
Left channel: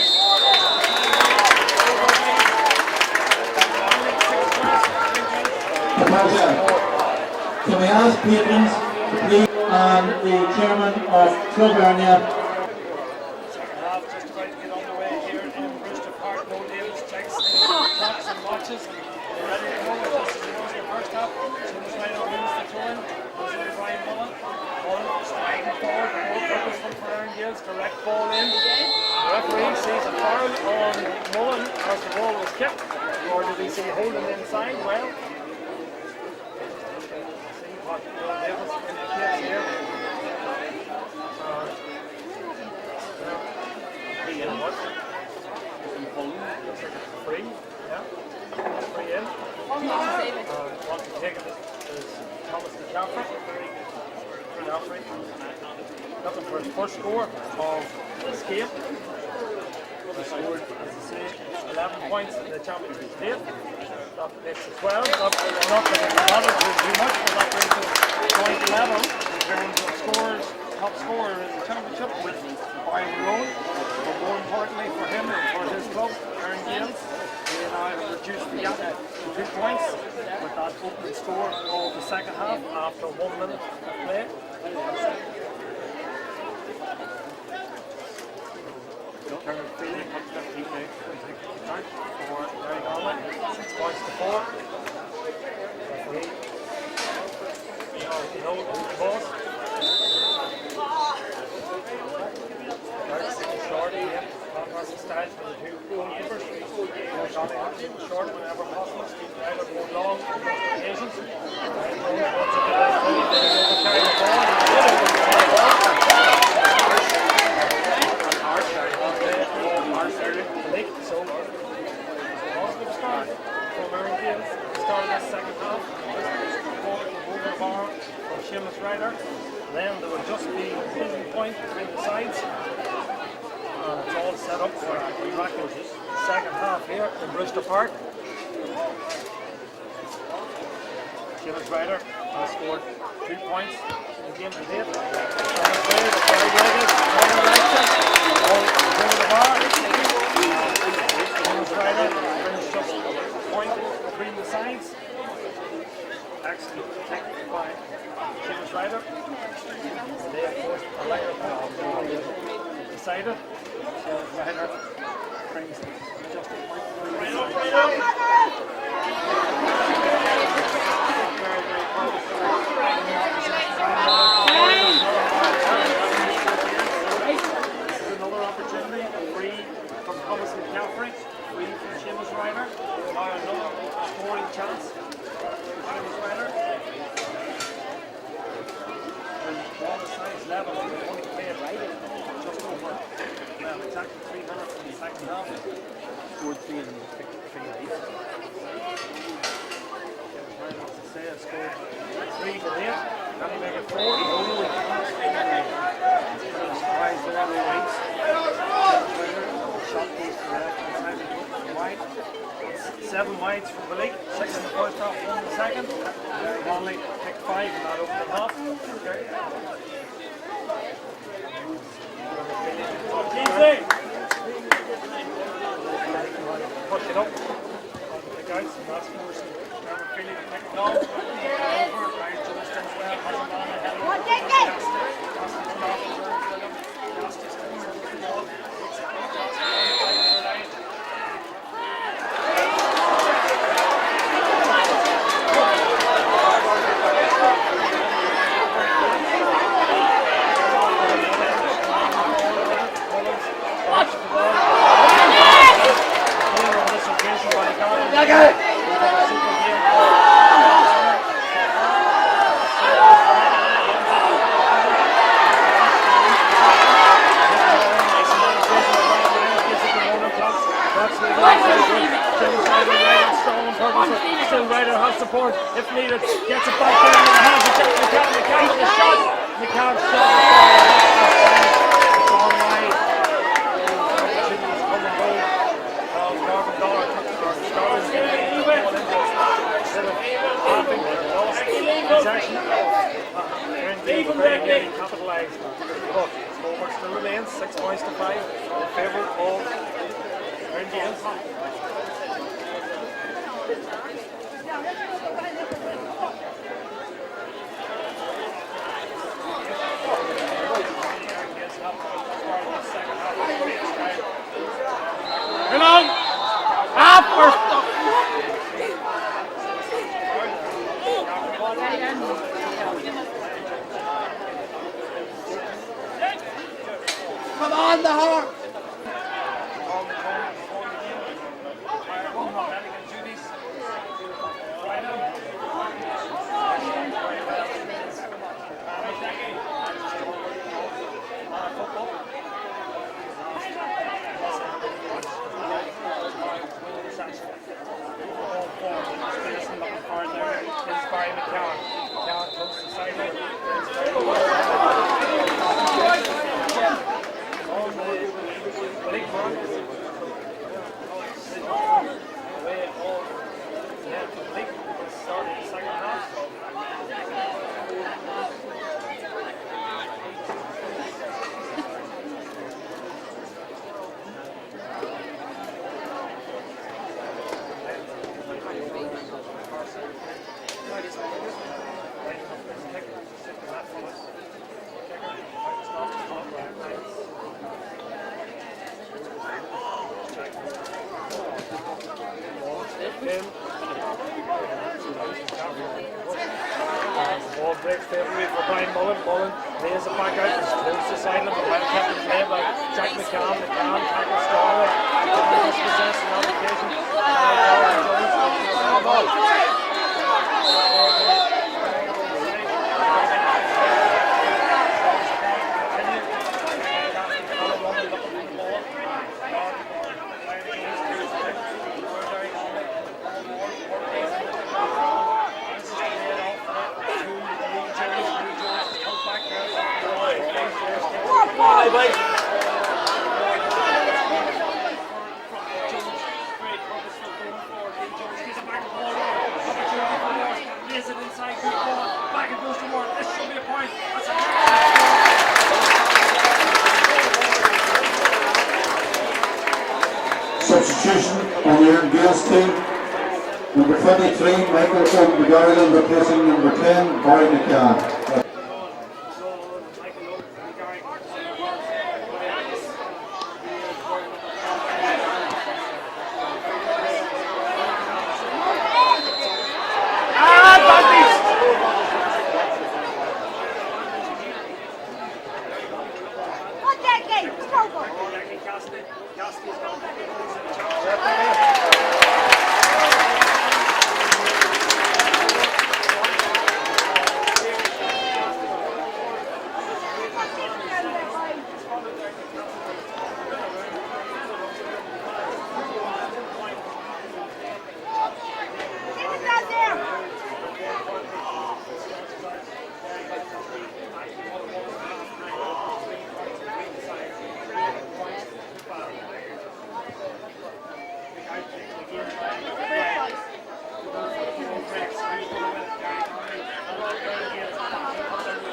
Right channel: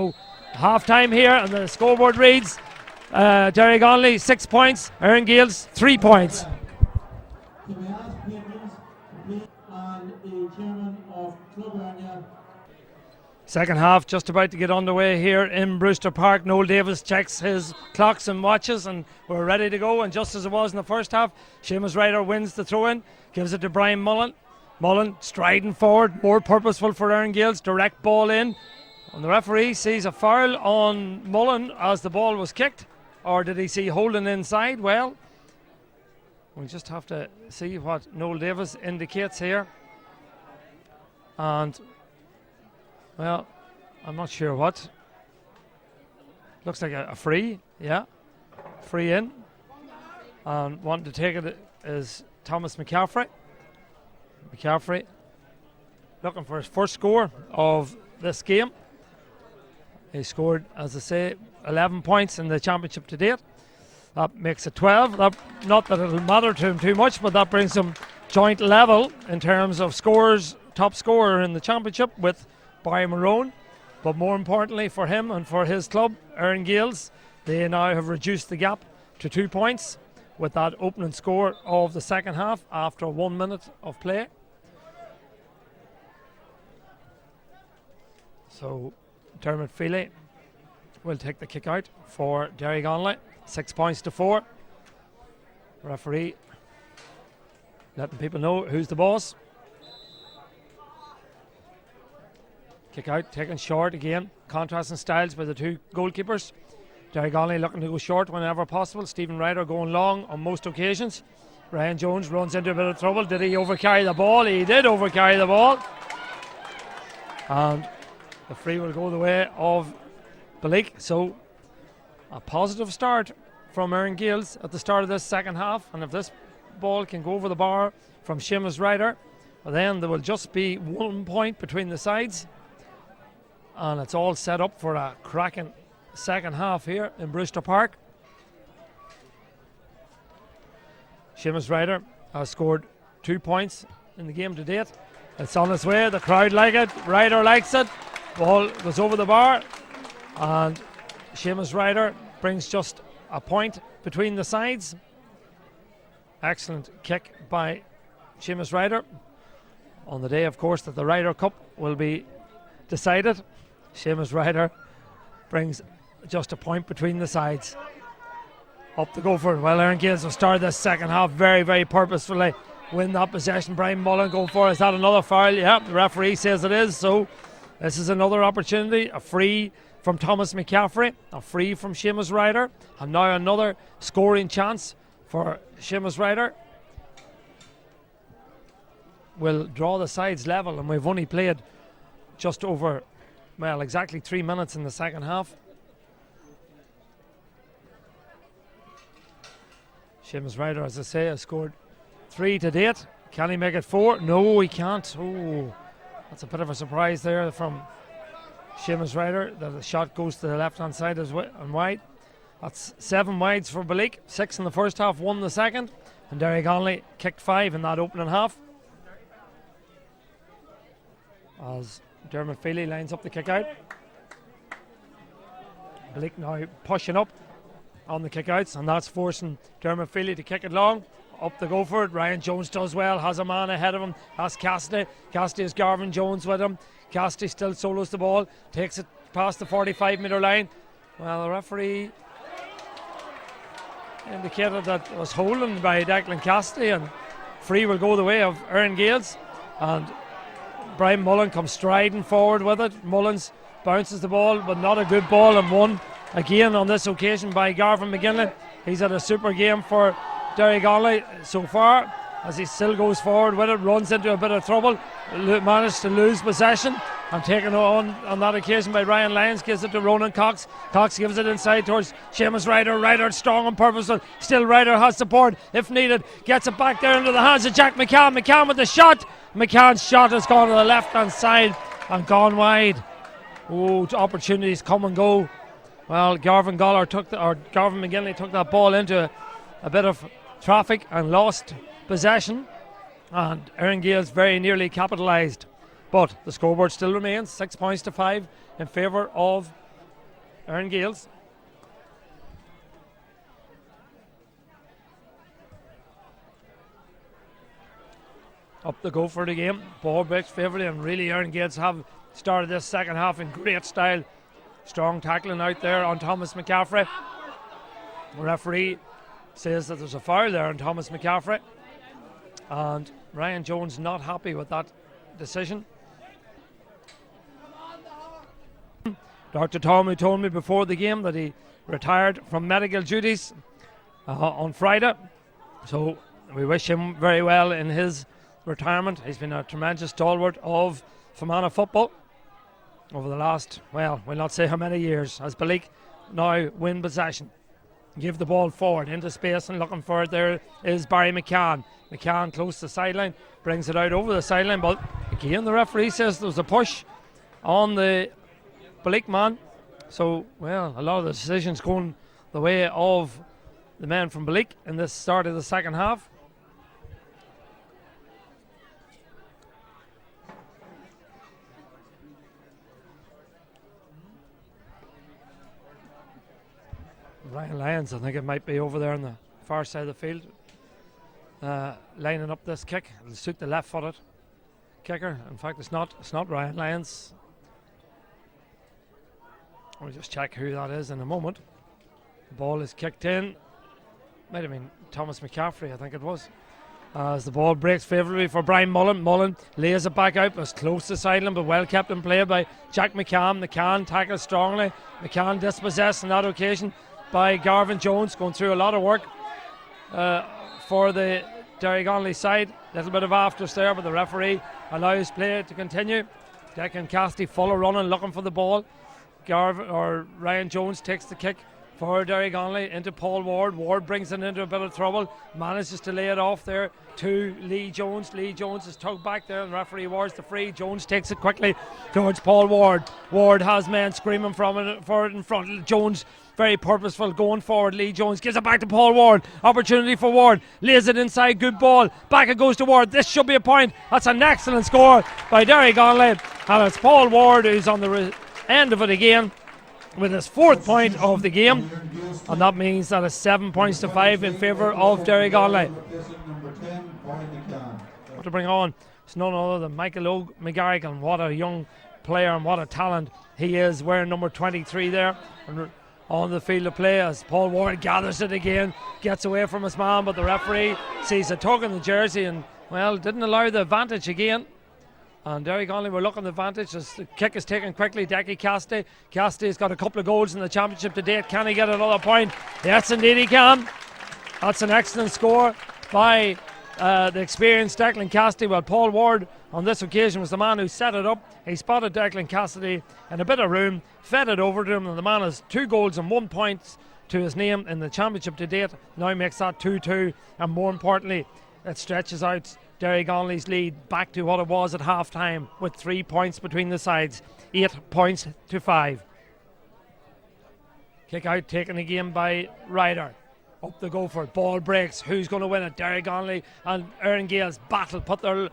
half time here, and the scoreboard reads Derrygonnelly 6 points, Erne Gaels 3 points. Can we ask patrons to please, and the chairman of Club Erne? Second half just about to get underway here in Brewster Park. Noel Davis checks his clocks and watches, and we're ready to go. And just as it was in the first half, Seamus Ryder wins the throw-in, gives it to Brian Mullen. Mullen striding forward, more purposeful for Erne Gaels, direct ball in. The referee sees a foul on Mullen as the ball was kicked, or did he see holding inside? Well, we'll just have to see what Noel Davis indicates here. And well, I'm not sure what. Looks like a free, yeah. Free in. Wanting to take it is Thomas McCaffrey. McCaffrey looking for his first score of this game. He scored, as I say, 11 points in the championship to date. That makes it 12. Not that it will matter to him too much, but that brings him joint level in terms of scores, top scorer in the championship with Barry Maroon. But more importantly for him and for his club, Erne Gaels, they now have reduced the gap to 2 points with that opening score of the second half after 1 minute of play. So Dermot Feely will take the kick out for Derrygonnelly. 6 points to 4. Referee letting people know who's the boss. Kick out, taken short again. Contrasting styles by the two goalkeepers. Derrygonnelly looking to go short whenever possible. Stephen Ryder going long on most occasions. Ryan Jones runs into a bit of trouble. Did he overcarry the ball? He did overcarry the ball. The free was going the way of the league. So a positive start from Erne Gaels at the start of this second half. And if this ball can go over the bar from Seamus Ryder, then there will just be 1 point between the sides. And it's all set up for a cracking second half here in Brewster Park. Seamus Ryder has scored 2 points in the game to date. It's on its way, the crowd like it, Ryder likes it. The ball is over the bar. And Seamus Ryder brings just a point between the sides. Excellent kick by Seamus Ryder. On the day, of course, that the Ryder Cup will be decided, Seamus Ryder brings just a point between the sides. Up to go for it. While Erne Gaels have started this second half very, very purposefully. Win that possession. Brian Mullen going for it. Is that another foul? Yeah, the referee says it is. So this is another opportunity. A free from Thomas McCaffrey. A free from Seamus Ryder. And now another scoring chance for Seamus Ryder. We'll draw the sides level, and we've only played just over, well, exactly 3 minutes in the second half. Seamus Ryder, as I say, has scored 3 to date. Can he make it 4? No, he can't. It's a bit of a surprise there from Seamus Ryder. And the shot goes to the left-hand side and wide. That's 7 wides for Balik. 6 in the first half, 1 in the second. And Derrygonnelly kicked 5 in that opening half. As Dermot Feely lines up the kick out. Balik now pushing up on the kickouts, and that's forcing Dermot Feely to kick it long. Up to go for it. Ryan Jones does well, has a man ahead of him. That's Cassidy. Cassidy's Garvin Jones with him. Cassidy still solos the ball, takes it past the 45-metre line. Now the referee was holding by Declan Cassidy, and free will go the way of Erne Gaels. Brian Mullen comes striding forward with it. Mullins bounces the ball, but not a good ball, and won again on this occasion by Garvin McGinnis. He's had a super game for Derrygonnelly so far, as he still goes forward with it, runs into a bit of trouble, and he managed to lose possession, and taken on that occasion by Ryan Lyons, gives it to Ronan Cox. Cox gives it inside towards Seamus Ryder. Ryder strong and purposeful, still Ryder has support if needed, gets it back there into the hands of Jack McCann. McCann with the shot. McCann's shot has gone to the left hand side and gone wide. Those opportunities come and go. Well, Garvin McGinnis took that ball into a bit of traffic and lost possession. Erne Gaels very nearly capitalised, but the scoreboard still remains 6 points to 5 in favour of Erne Gaels. Up to go for the game. Ball break favourably, and really Erne Gaels have started this second half in great style. Strong tackling out there on Thomas McCaffrey. The referee says that there's a foul there on Thomas McCaffrey. Ryan Jones not happy with that decision. Come on, the heart! Dr. Tommy told me before the game that he retired from medical duties on Friday. So we wish him very well in his retirement. He's been a tremendous stalwart of Fermanagh football over the last, well, I'll not say how many years, as Balik now win possession. Give the ball forward into space, and looking for it there is Barry McCann. McCann close to the sideline, brings it out over the sideline, but again the referee says there's a push on the Balik man. So, well, a lot of the decisions going the way of the man from Balik in this start of the second half. Lions, I think it might be over there on the far side of the field, lining up this kick to suit the left-footed kicker. In fact, it's not Ryan Lyons. I'll just check who that is in a moment. The ball is kicked in. Wait a minute, Thomas McCaffrey, I think it was. As the ball breaks favourably for Brian Mullen. Mullen lays it back out, was close to sideline, but well kept in play by Jack McCann. McCann tackles strongly. McCann dispossessed on that occasion by Garvin Jones, going through a lot of work for the Derrygonnelly side. A little bit of after there, but the referee allows play to continue. Declan Cassidy full of running, looking for the ball. Ryan Jones takes the kick for Derrygonnelly into Paul Ward. Ward brings him into a bit of trouble, manages to lay it off there to Lee Jones. Lee Jones is tugged back there, and the referee awards the free. Jones takes it quickly towards Paul Ward. Ward has men screaming for it in front of Jones. Very purposeful going forward. Lee Jones gives it back to Paul Ward. Opportunity for Ward. Lays it inside. Good ball. Back it goes to Ward. This should be a point. That's an excellent score by Derrygonnelly. And it's Paul Ward who's on the end of it again with his fourth point of the game. And that means that it's 7 points to 5 in favour of Derrygonnelly. To bring on, it's none other than Michael McGarrigan. What a young player and what a talent he is, wearing number 23 there on the field of play as Paul Ward gathers it again, gets away from his man, but the referee sees a tuck in the jersey and, well, didn't allow the advantage again. And Derrygonnelly were looking at the advantage. His kick is taken quickly. Declan Cassidy. Cassidy's got a couple of goals in the championship to date. Can he get another point? Yes, indeed he can. That's an excellent score by the experienced Declan Cassidy. Well, Paul Ward on this occasion was the man who set it up. He spotted Declan Cassidy in a bit of room, fed it over to him, and the man has 2 goals and 1 point to his name in the championship to date. Now makes that 2-2, and more importantly, it stretches out Derrygonnelly's lead back to what it was at half time, with 3 points between the sides, 8 points to 5. Kick out taken again by Ryder. Up to go for it. Ball breaks. Who's going to win it? Derrygonnelly and Erne Gaels battle, put their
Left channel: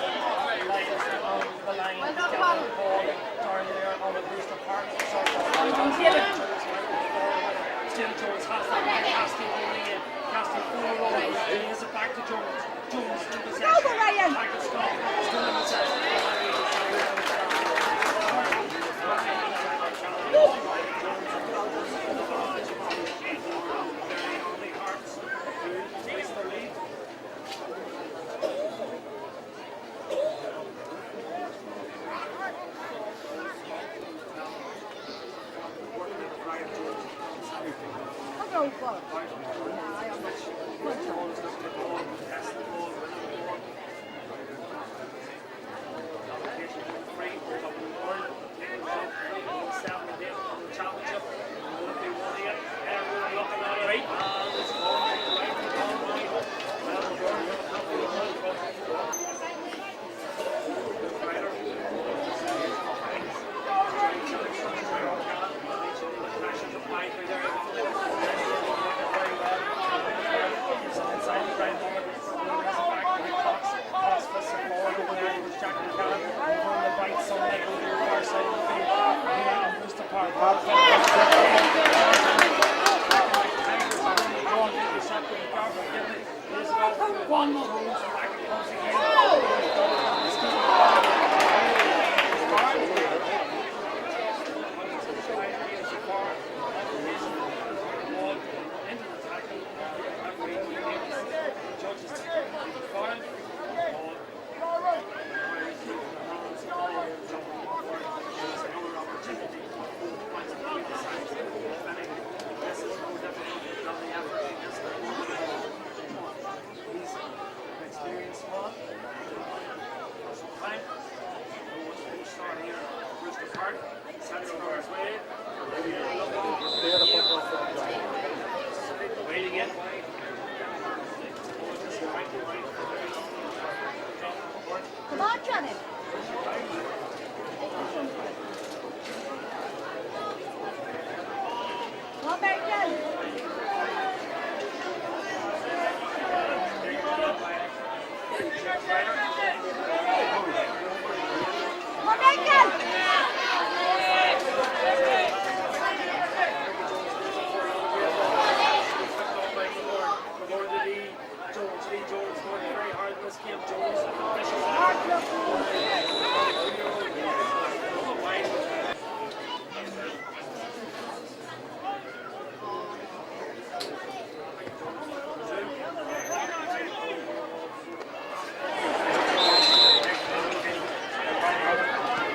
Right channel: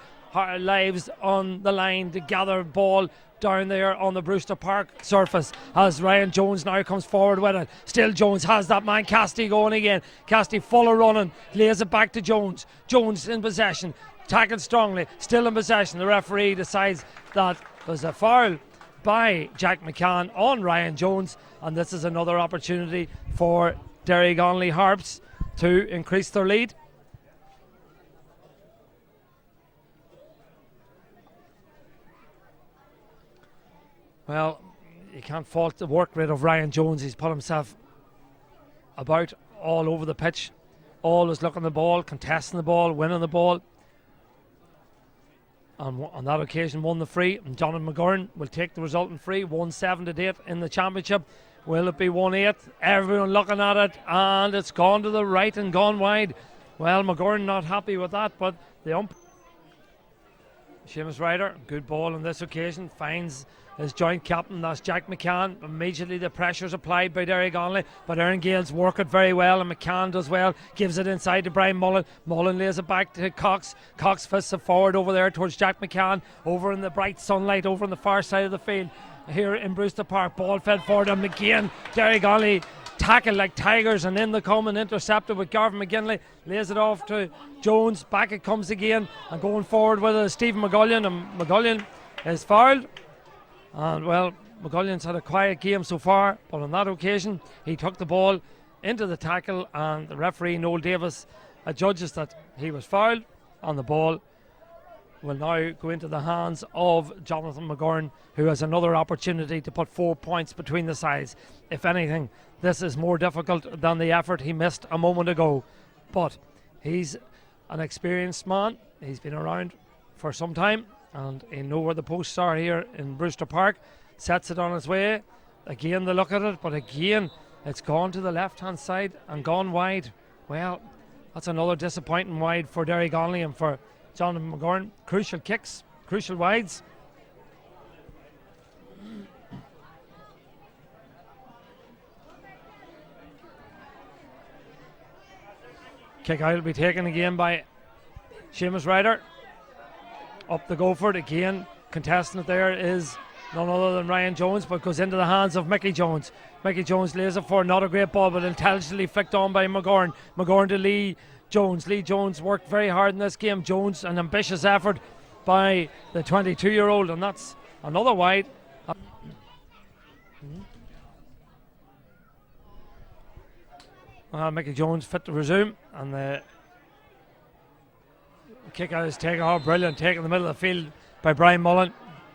lives on the line to gather ball down there on the Brewster Park surface as Ryan Jones now comes forward with it. Still Jones has that man Cassidy going again. Cassidy full of running, lays it back to Jones. Jones in possession, tackled strongly, still in possession. The referee decides that is a foul by Jack McCann on Ryan Jones, and this is another opportunity for Derrygonnelly Harps to increase their lead. Well, you can't fault the work rate of Ryan Jones. He's put himself about all over the pitch, always looking at the ball, contesting the ball, winning the ball. On that occasion won the free, and Jonathan McGurn will take the resulting free. 1-7 to date in the championship. Will it be 1-8? Everyone looking at it, and it's gone to the right and gone wide. Well, McGurn not happy with that, but the ump. James Ryder, good ball on this occasion, finds his joint captain, that's Jack McCann. Immediately the pressure's applied by Derrygonnelly, but Erne Gaels work it very well, and McCann does well, gives it inside to Brian Mullen. Mullen lays it back to Cox. Cox fists it forward over there towards Jack McCann, over in the bright sunlight over the far side of the field here in Brewster Park. Ball fell forward, and again Derrygonnelly tackled like tigers, and in the come and intercepted with Garvin McGinley. Lays it off to Jones. Back it comes again, and going forward with it is Stephen McGullion, and McGullion is fouled. And well, McGullion's had a quiet game so far, but on that occasion he took the ball into the tackle, and referee Noel Davis adjudges that he was fouled, and the ball will now go into the hands of Jonathan McGurn, who has another opportunity to put 4 points between the sides. If anything, this is more difficult than the effort he missed a moment ago, but he's an experienced man. He's been around for some time, and he knows where the posts are here in Brewster Park. Sets it on his way. Again, the look at it, but again, it's gone to the left-hand side and gone wide. Well, that's another disappointing wide for Derrygonnelly and for John McGurn. Crucial kicks, crucial wides. Kick out will be taken again by Seamus Ryder. Up to go for it again. Contestant there is none other than Ryan Jones, but goes into the hands of Mickey Jones. Mickey Jones lays it for not a great ball, but intelligently flicked on by McGurn. McGurn to Lee Jones. Lee Jones worked very hard in this game. Jones, an ambitious effort by the 22-year-old, and that's another wide. Mickey Jones fit to resume, and the kick out is taken off. Brilliant take in the middle of the field by Brian Mullen.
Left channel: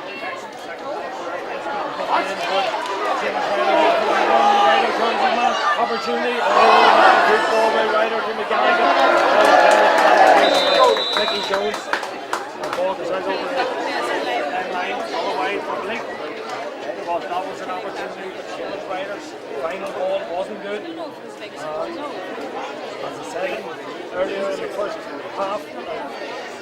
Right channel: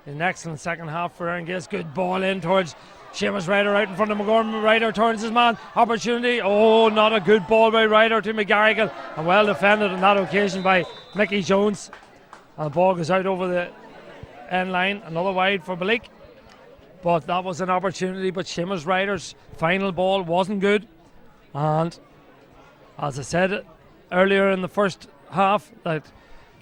An excellent second half for Erne Gaels. Good ball in towards Seamus Ryder right in front of McGurn. Ryder turns his man. Opportunity. Oh, not a good ball by Ryder to McGarrigle. Well defended on that occasion by Mickey Jones. And ball goes out over the end line. Another wide for Blake. But that was an opportunity, but Seamus Ryder's final ball wasn't good. And as I said earlier in the first half, that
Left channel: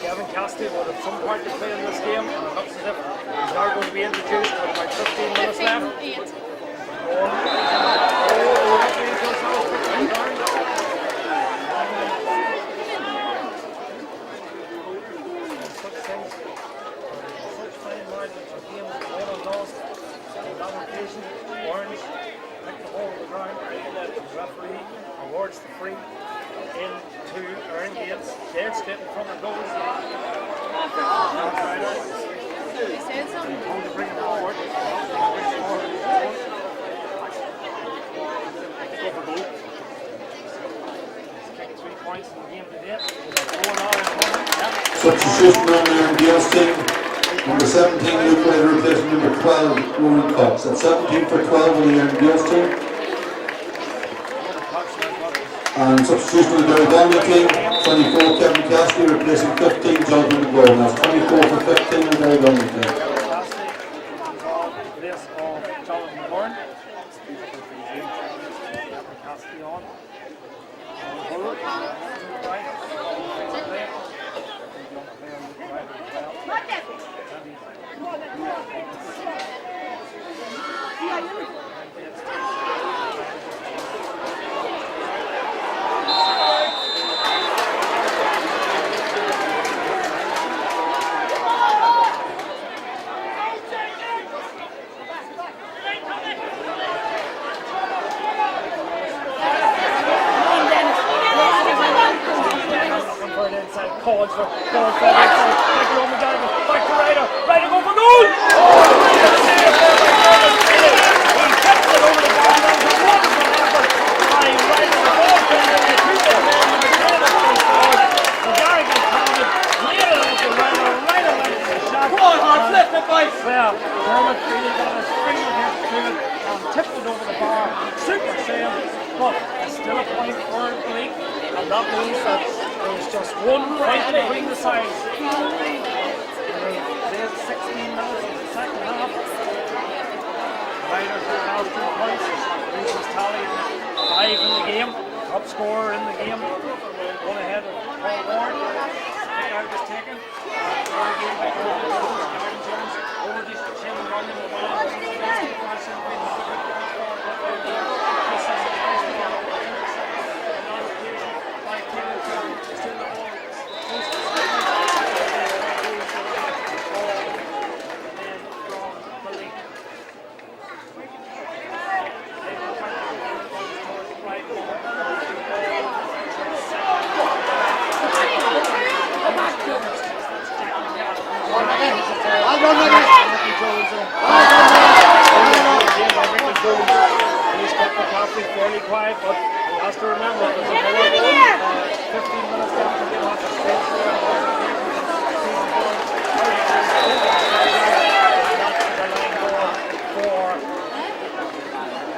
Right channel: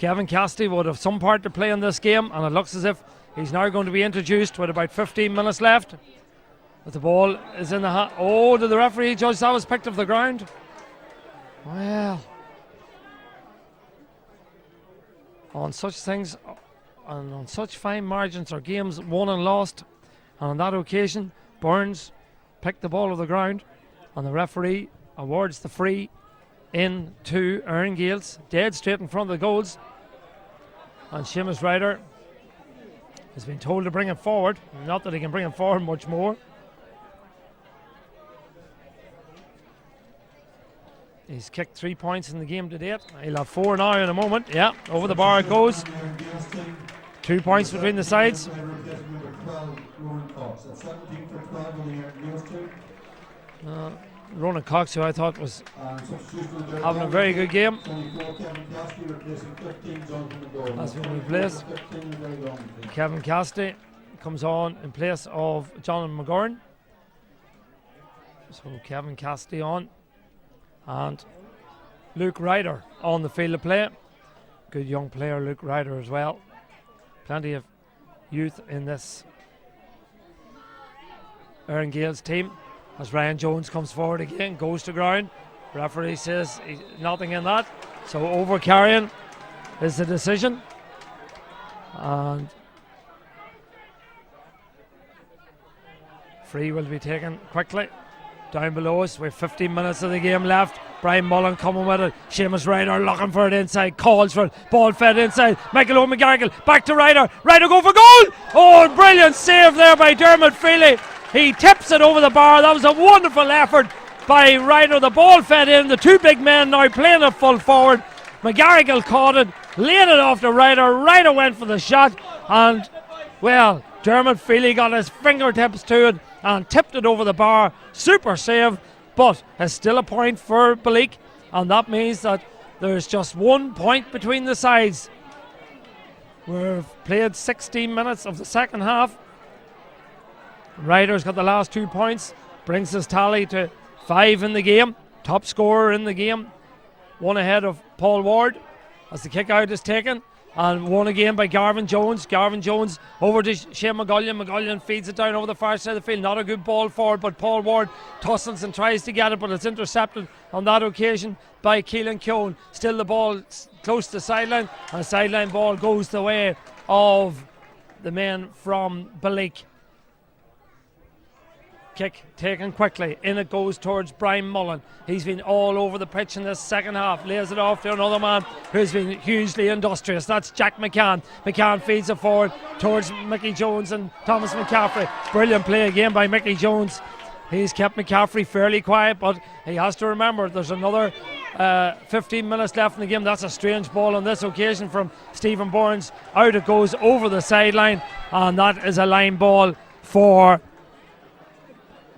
Kevin Cassidy would have some part to play in this game, and it looks as if he's now going to be introduced with about 15 minutes left. But the ball is in the hand. Oh, the referee judge that was picked up the ground. On such things, on such fine margins are games won and lost. And on that occasion, Burns picked the ball to the ground, and the referee awards the free into Erne Gaels, dead straight in front of the goals. And Seamus Ryder has been told to bring it forward. Not that he can bring it forward much more. He's kicked 3 points in the game to date. He'll have 4 now in a moment. Yeah, over the bar goes. 2 points between the sides. Number 12, Ronan Cox. At 17 for 12 on the Erne Gaels team. Ronan Cox, who I thought was and substitution of the Derrygonnelly team, 24 Kevin Cassidy replacing 15 Jonathan McGurn. That's 24 for 15 in the Derrygonnelly team. Kevin Cassidy comes on in place of Jonathan McGurn. Kevin Cassidy on, and Luke Ryder on the field of play. Good young player, Luke Ryder as well. Plenty of youth in this Erne Gaels team. As Ryan Jones comes forward again, goes to ground. Referee says nothing in that. So over carrying is the decision. Free will be taken quickly. Down below us with 15 minutes of the game left. Brian Mullen coming with it. Seamus Ryder looking for it inside. Calls for it. Ball fed inside. Michael O'McGarrigle back to Ryder. Ryder go for goal. Oh, brilliant save there by Dermot Feely. He tips it over the bar. That was a wonderful effort by Ryder. The ball fed in. The two big men now playing it full forward. McGarrigle caught it, laid it off to Ryder. Ryder went for the shot, and well, Dermot Feely got his fingertips to it and tipped it over the bar. Super save, but it's still a point for Bleak, and that means that there's just 1 point between the sides. They've played 16 minutes of the second half. Ryder's got the last 2 points, brings his tally to 5 in the game, top scorer in the game. One ahead of Paul Ward as the kick out is taken. And won again by Garvin Jones. Garvin Jones over to Shane McGullion. McGullion feeds it down over the far side of the field. Not a good ball forward, but Paul Ward tussles and tries to get it, but it's intercepted on that occasion by Keelan Keown. Still the ball close to the sideline. The sideline ball goes the way of the men from Balik. Kick taken quickly. In it goes towards Brian Mullen. He's been all over the pitch in the second half. And here's it off to another man who's been hugely industrious. That's Jack McCann. McCann feeds it forward towards Mickey Jones and Thomas McCaffrey. Brilliant play again by Mickey Jones. He's kept McCaffrey fairly quiet, but he has to remember there's another 15 minutes left in the game. That's a strange ball on this occasion from Stephen Burns. Out it goes over the sideline, and that is a line ball for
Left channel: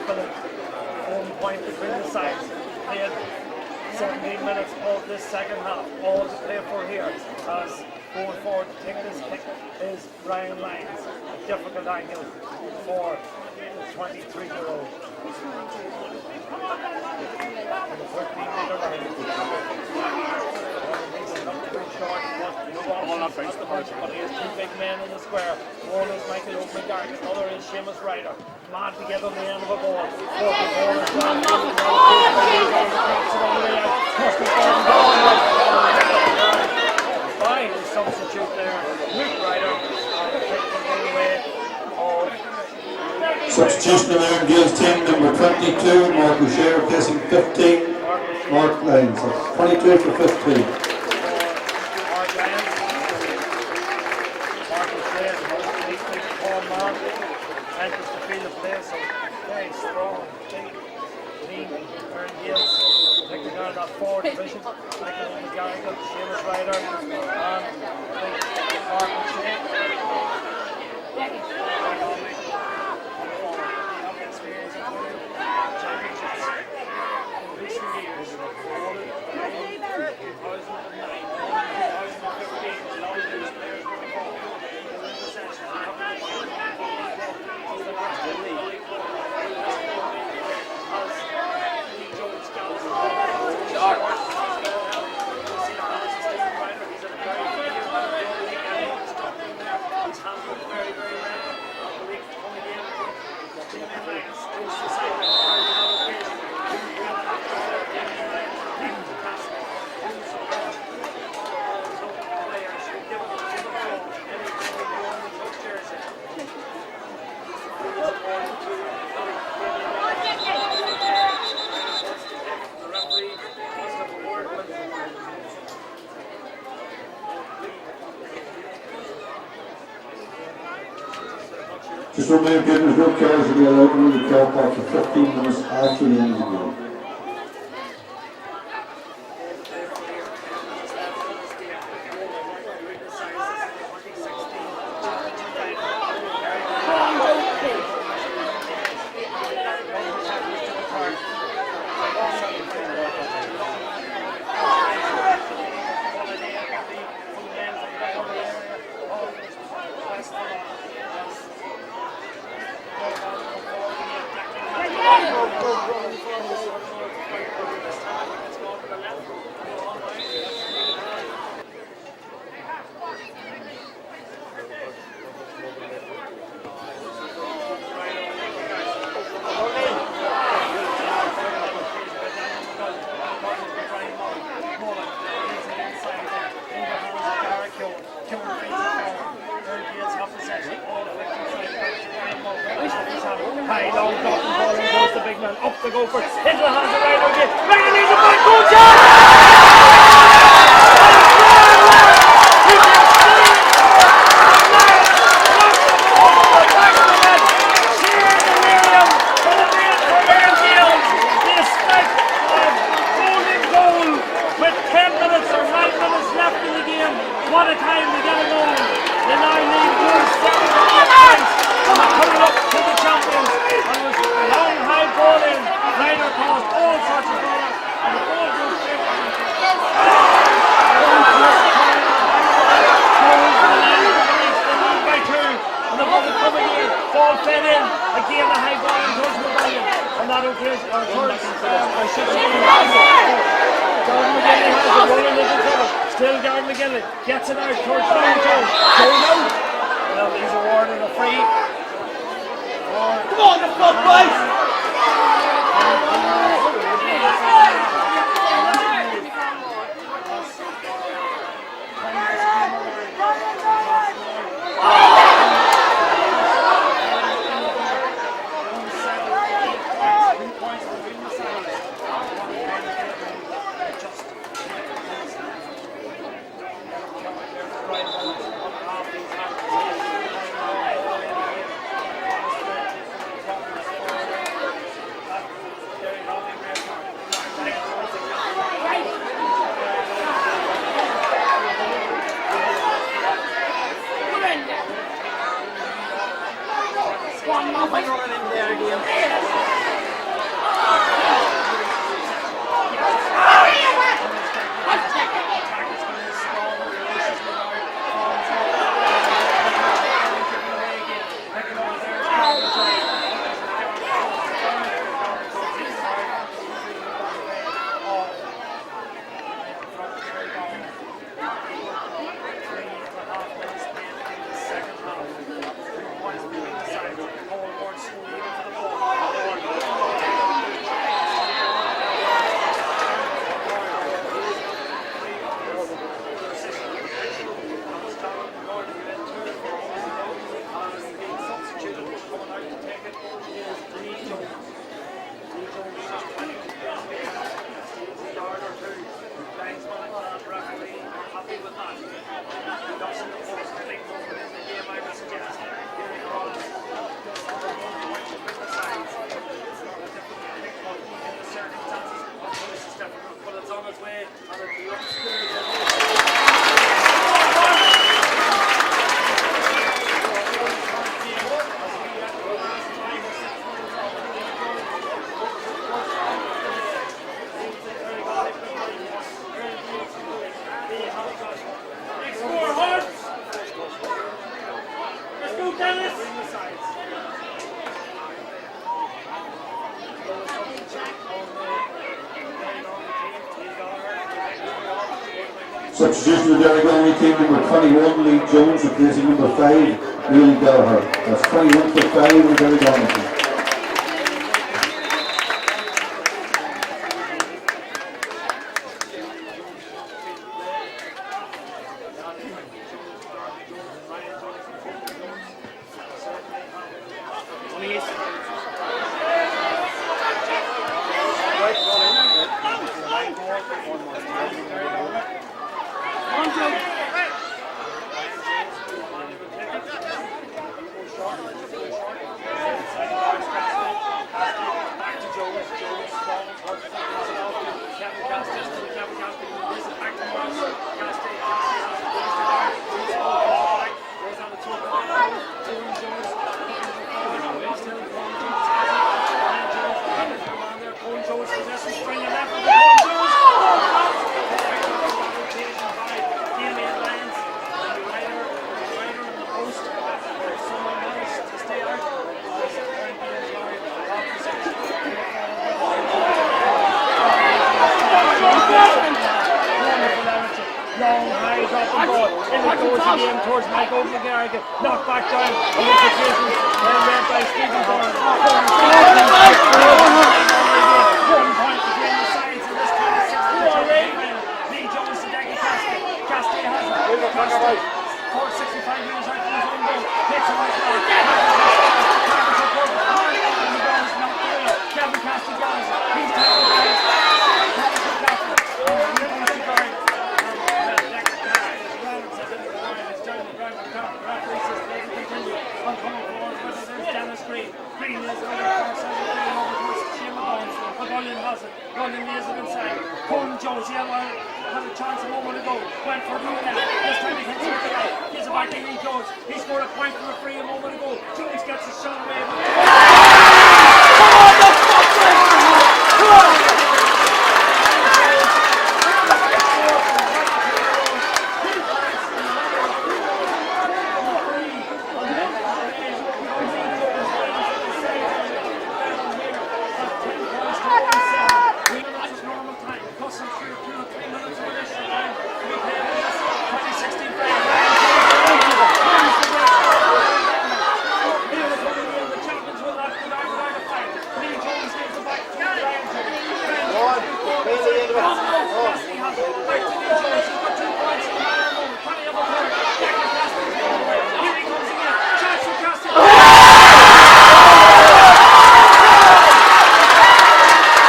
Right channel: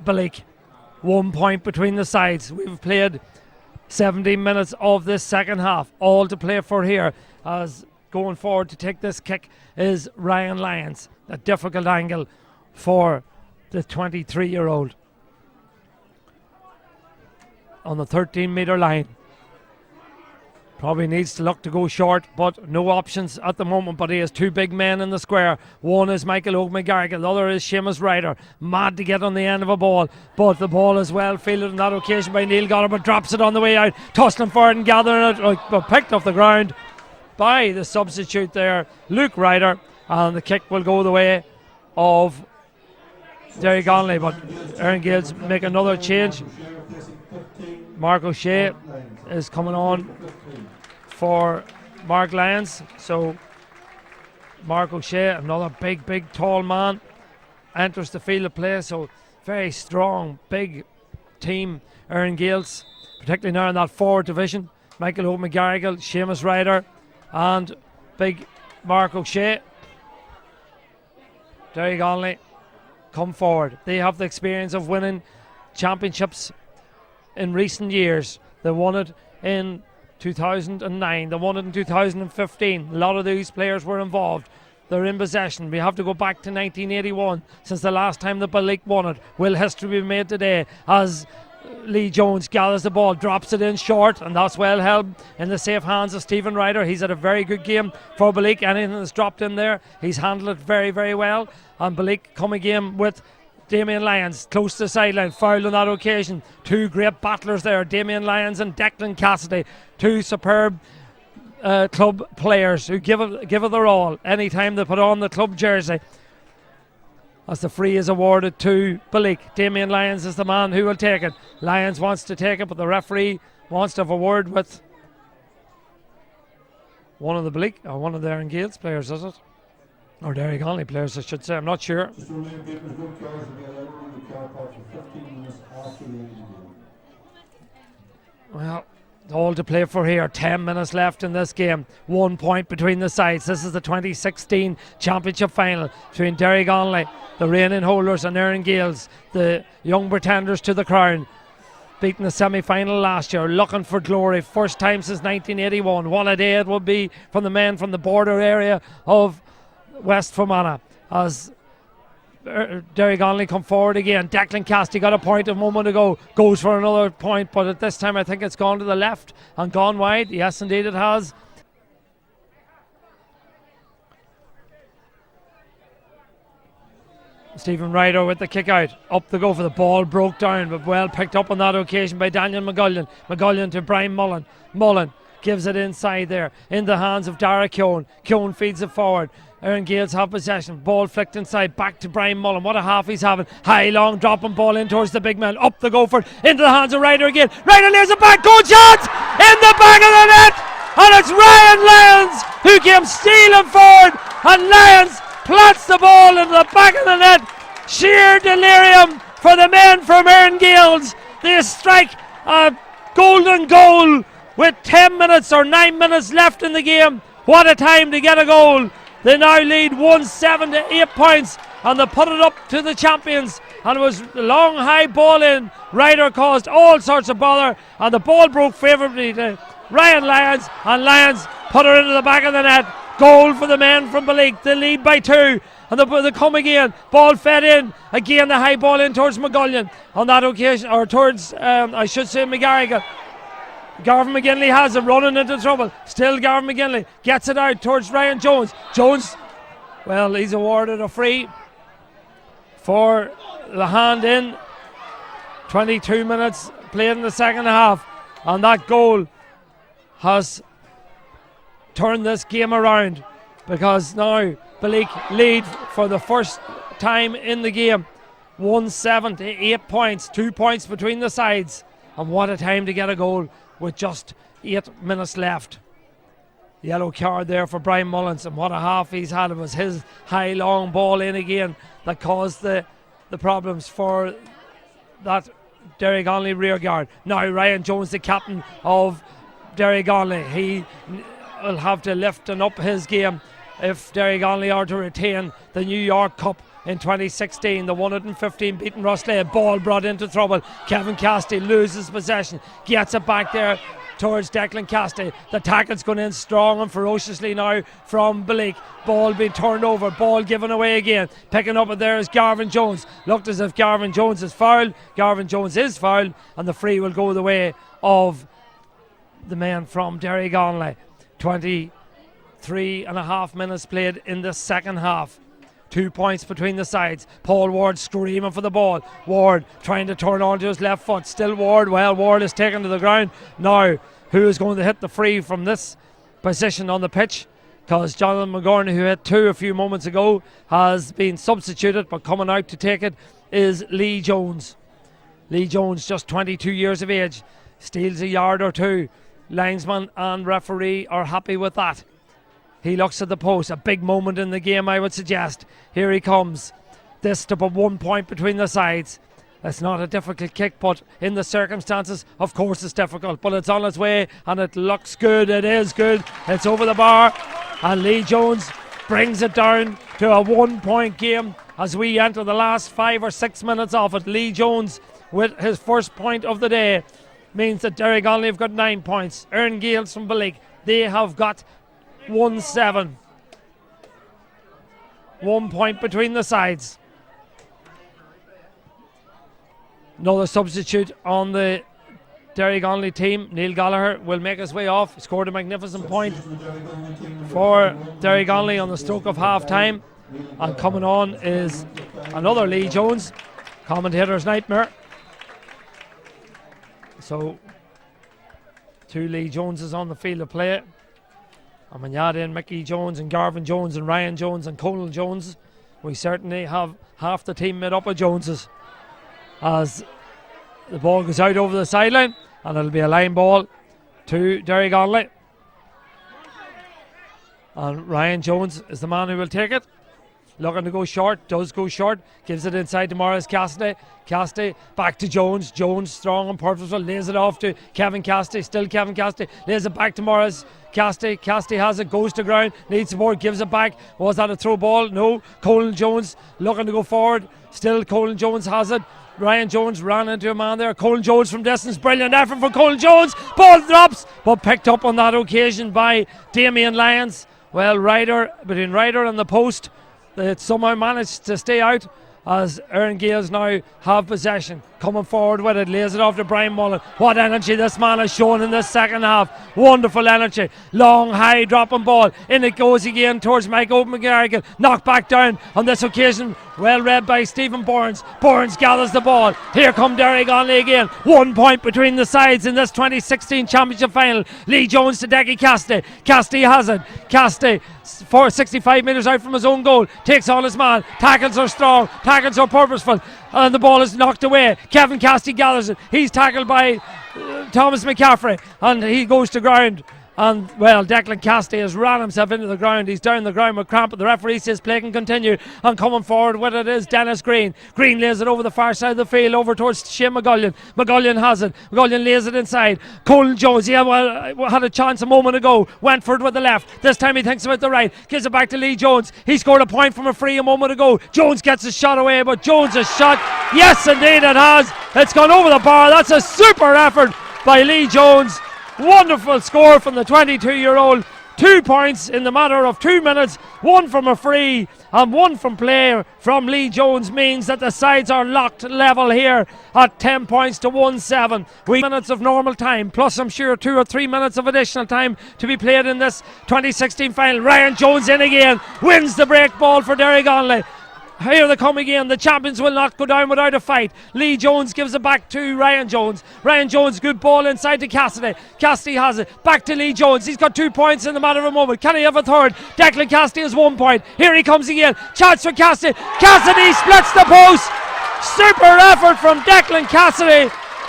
Balik. 1 point between the sides. We've played 17 minutes of this second half. All to play for here, as going forward to take this kick is Ryan Lyons. A difficult angle for the 23-year-old on the 13-metre line. Probably needs to look to go short, but no options at the moment. But he has two big men in the square. One is Michael O'Mcgarrigan, the other is Seamus Ryder. Mad to get on the end of a ball, but the ball is well fielded on that occasion by Neil Gollum. Drops it on the way out. Tossed him forward and gathered it. Picked up the ground by the substitute there, Luke Ryder. And the kick will go the way of Derrygonnelly. Derrygonnelly will make another change. Mark O'Shea is coming on for Mark Lyons. So Mark O'Shea, another big tall man, enters the field of play. So very strong, big team, Erne Gaels, particularly now in that forward division. Michael O'Mcgarrigan, Seamus Ryder, and big Mark O'Shea. Derrygonnelly come forward. They have the experience of winning championships in recent years. They won it in 2009, they won it in 2015. A lot of these players were involved. They're in possession. We have to go back to 1981 since the last time the Balik won it. Will history be made today as Lee Jones gathers the ball, drops it in short, and that's well held in the safe hands of Stephen Ryder. He's had a very good game for Balik. Anything that's dropped in there, he's handled it very well. And Balik come again with Damien Lyons close to the sideline, fouled on that occasion. Two great battlers there, Damien Lyons and Declan Cassidy, two superb club players who give it their all anytime they put on the club jersey. As the free is awarded to Balik, Damien Lyons is the man who will take it. Lyons wants to take it, but the referee wants to have a word with one of the Balik or one of the Erne Gaels players, is it? Or Derrygonnelly players, I should say. I'm not sure. Just remain good, there's no cards to be allowed in the car park for 15 minutes after the end of the game. Yeah, all to play for here. 10 minutes left in this game. 1 point between the sides. This is the 2016 championship final between Derrygonnelly, the reigning holders, and Erne Gaels, the young pretenders to the crown. Beating the semi-final last year, looking for glory. First time since 1981. What a day it will be from the men from the border area of West Fermanagh, as Derrygonnelly come forward again. Declan Cassidy got a point a moment ago, goes for another point, but at this time I think it's gone to the left and gone wide. Yes, indeed it has. Stephen Ryder with the kick out, up to go for the ball, broke down, but well picked up on that occasion by Daniel McGullion. McGullion to Brian Mullen. Mullen gives it inside there, in the hands of Dara Keown. Keown feeds it forward. Erne Gaels have possession. Ball flicked inside, back to Brian Mullen. What a half he's having. High, long dropping ball in towards the big man. Up the gopher, into the hands of Ryder again. Ryder lays it back, goal shot! In the back of the net! And it's Ryan Lyons who gives stealing forward. And Lyons plants the ball in the back of the net. Sheer delirium for the men from Erne Gaels. They strike a golden goal with 10 minutes or 9 minutes left in the game. What a time to get a goal. They now lead 1-7 to 8 points, and they put it up to the champions. And it was a long high ball in. Ryder caused all sorts of bother, and the ball broke favourably to Ryan Lyons, and Lyons put it into the back of the net. Goal for the men from Balik. They lead by 2. And they come again. Ball fed in. Again the high ball in towards McGullion on that occasion, or towards I should say McGarrigan. Gavin McGinley has it, running into trouble. Still Gavin McGinley gets it out towards Ryan Jones. Well, he's awarded a free for the hand in. 22 minutes played in the second half, and that goal has turned this game around, because now the lead for the first time in the game, 178 points, 2 points between the sides, and what a time to get a goal with just 8 minutes left. Yellow card there for Brian Mullins, and what a half he's had. It was his high long ball in again that caused the problems for that Derrygonnelly rear guard. Now Ryan Jones, the captain of Derrygonnelly, he will have to lift up his game if Derrygonnelly are to retain the New York Cup in 2016. The 115 beaten Rosslade. Ball brought into trouble. Kevin Castey loses possession, gets it back there towards Declan Castey. The tackle's going in strong and ferociously now from Billy. Ball being turned over, ball given away again. Picking up it there is Garvin Jones. Looked as if Garvin Jones is fouled. Garvin Jones is fouled, and the free will go the way of the men from Derrygonnelly. 23.5 minutes played in the second half. 2 points between the sides. Paul Ward screaming for the ball. Ward trying to turn onto his left foot. Still Ward. Well, Ward is taken to the ground. Now, who is going to hit the free from this position on the pitch? Because Jonathan McGorney, who hit 2 a few moments ago, has been substituted, but coming out to take it is Lee Jones. Lee Jones, just 22 years of age, steals a yard or two. Linesman and referee are happy with that. He looks at the post. A big moment in the game, I would suggest. Here he comes. This to put 1 point between the sides. It's not a difficult kick, but in the circumstances, of course it's difficult. But it's on its way, and it looks good. It is good. It's over the bar, and Lee Jones brings it down to a 1 point game as we enter the last 5 or 6 minutes of it. Lee Jones with his first point of the day means that Derrygonnelly have got 9 points. Erne Gaels from Billig, they have got 1-7. 1 point between the sides. Another substitute on the Derrygonnelly team. Neil Gallagher will make his way off. Scored a magnificent point for Derrygonnelly on the stroke of half time. And coming on is another Lee Jones, commentator's nightmare. So 2 Lee Joneses on the field of play. And when you add in Mickey Jones and Garvin Jones and Ryan Jones and Colin Jones, we certainly have half the team lit up with Joneses. As the ball goes out over the sideline, and it'll be a line ball to Derrygonnelly. And Ryan Jones is the man who will take it. Looking to go short, does go short, gives it inside to Morris Castey. Castey back to Jones. Jones strong and purposeful, lays it off to Kevin Castey. Still Kevin Castey, lays it back to Morris Castey. Castey has it, goes to ground, leads the ball, gives it back. Was that a throw ball? No. Colin Jones looking to go forward. Still Colin Jones has it. Ryan Jones ran into a man there. Colin Jones from distance. Brilliant effort from Colin Jones. Ball drops, but picked up on that occasion by Damien Lyons. Well, between Ryder and the post, it somehow managed to stay out as Erne Gaels now have possession. Coming forward with it, lays it off to Brian Mullen. What energy this man has shown in this second half. Wonderful energy. Long, high dropping ball. In it goes again towards Michael McGarrigan. Knocked back down on this occasion. Well read by Stephen Burns. Burns gallops the ball. Here comes Derrygonnelly again. 1 point between the sides in this 2016 championship final. Lee Jones to Decky Castey. Castey has it. Castey, 65 metres out from his own goal, takes on his man. Tackles are strong, tackles are purposeful, and the ball is knocked away. Kevin Castey gathers it. He's tackled by Thomas McCaffrey, and he goes to ground. And well, Declan Castey has ran himself into the ground. He's down the ground with cramp, but the referee says play can continue. And coming forward with it is Dennis Green. Green lays it over the far side of the field, over towards Shane McGullion. McGullion has it. McGullion lays it inside. Colin Jones, had a chance a moment ago. Went for it with the left. This time he thinks about the right. Gives it back to Lee Jones. He scored a point from a free a moment ago. Jones gets his shot away, but Jones is shot. Yes, indeed it has. It's gone over the bar. That's a super effort by Lee Jones. Wonderful score from the 22-year-old 2 points in the matter of 2 minutes, 1 from a free and 1 from play from Lee Jones, means that the sides are locked level here at 10 points to 1-7. 3 minutes of normal time, plus I'm sure 2 or 3 minutes of additional time to be played in this 2016 final. Ryan Jones in again, wins the break ball for Derrygonnelly. Here they come again. The champions will not go down without a fight. Lee Jones gives it back to Ryan Jones. Ryan Jones, good ball inside to Cassidy. Cassidy has it. Back to Lee Jones. He's got 2 points in the matter of a moment. Can he have a third? Declan Cassidy has 1 point. Here he comes again. Chance for Cassidy. Cassidy strikes the post. Super effort from Declan Cassidy.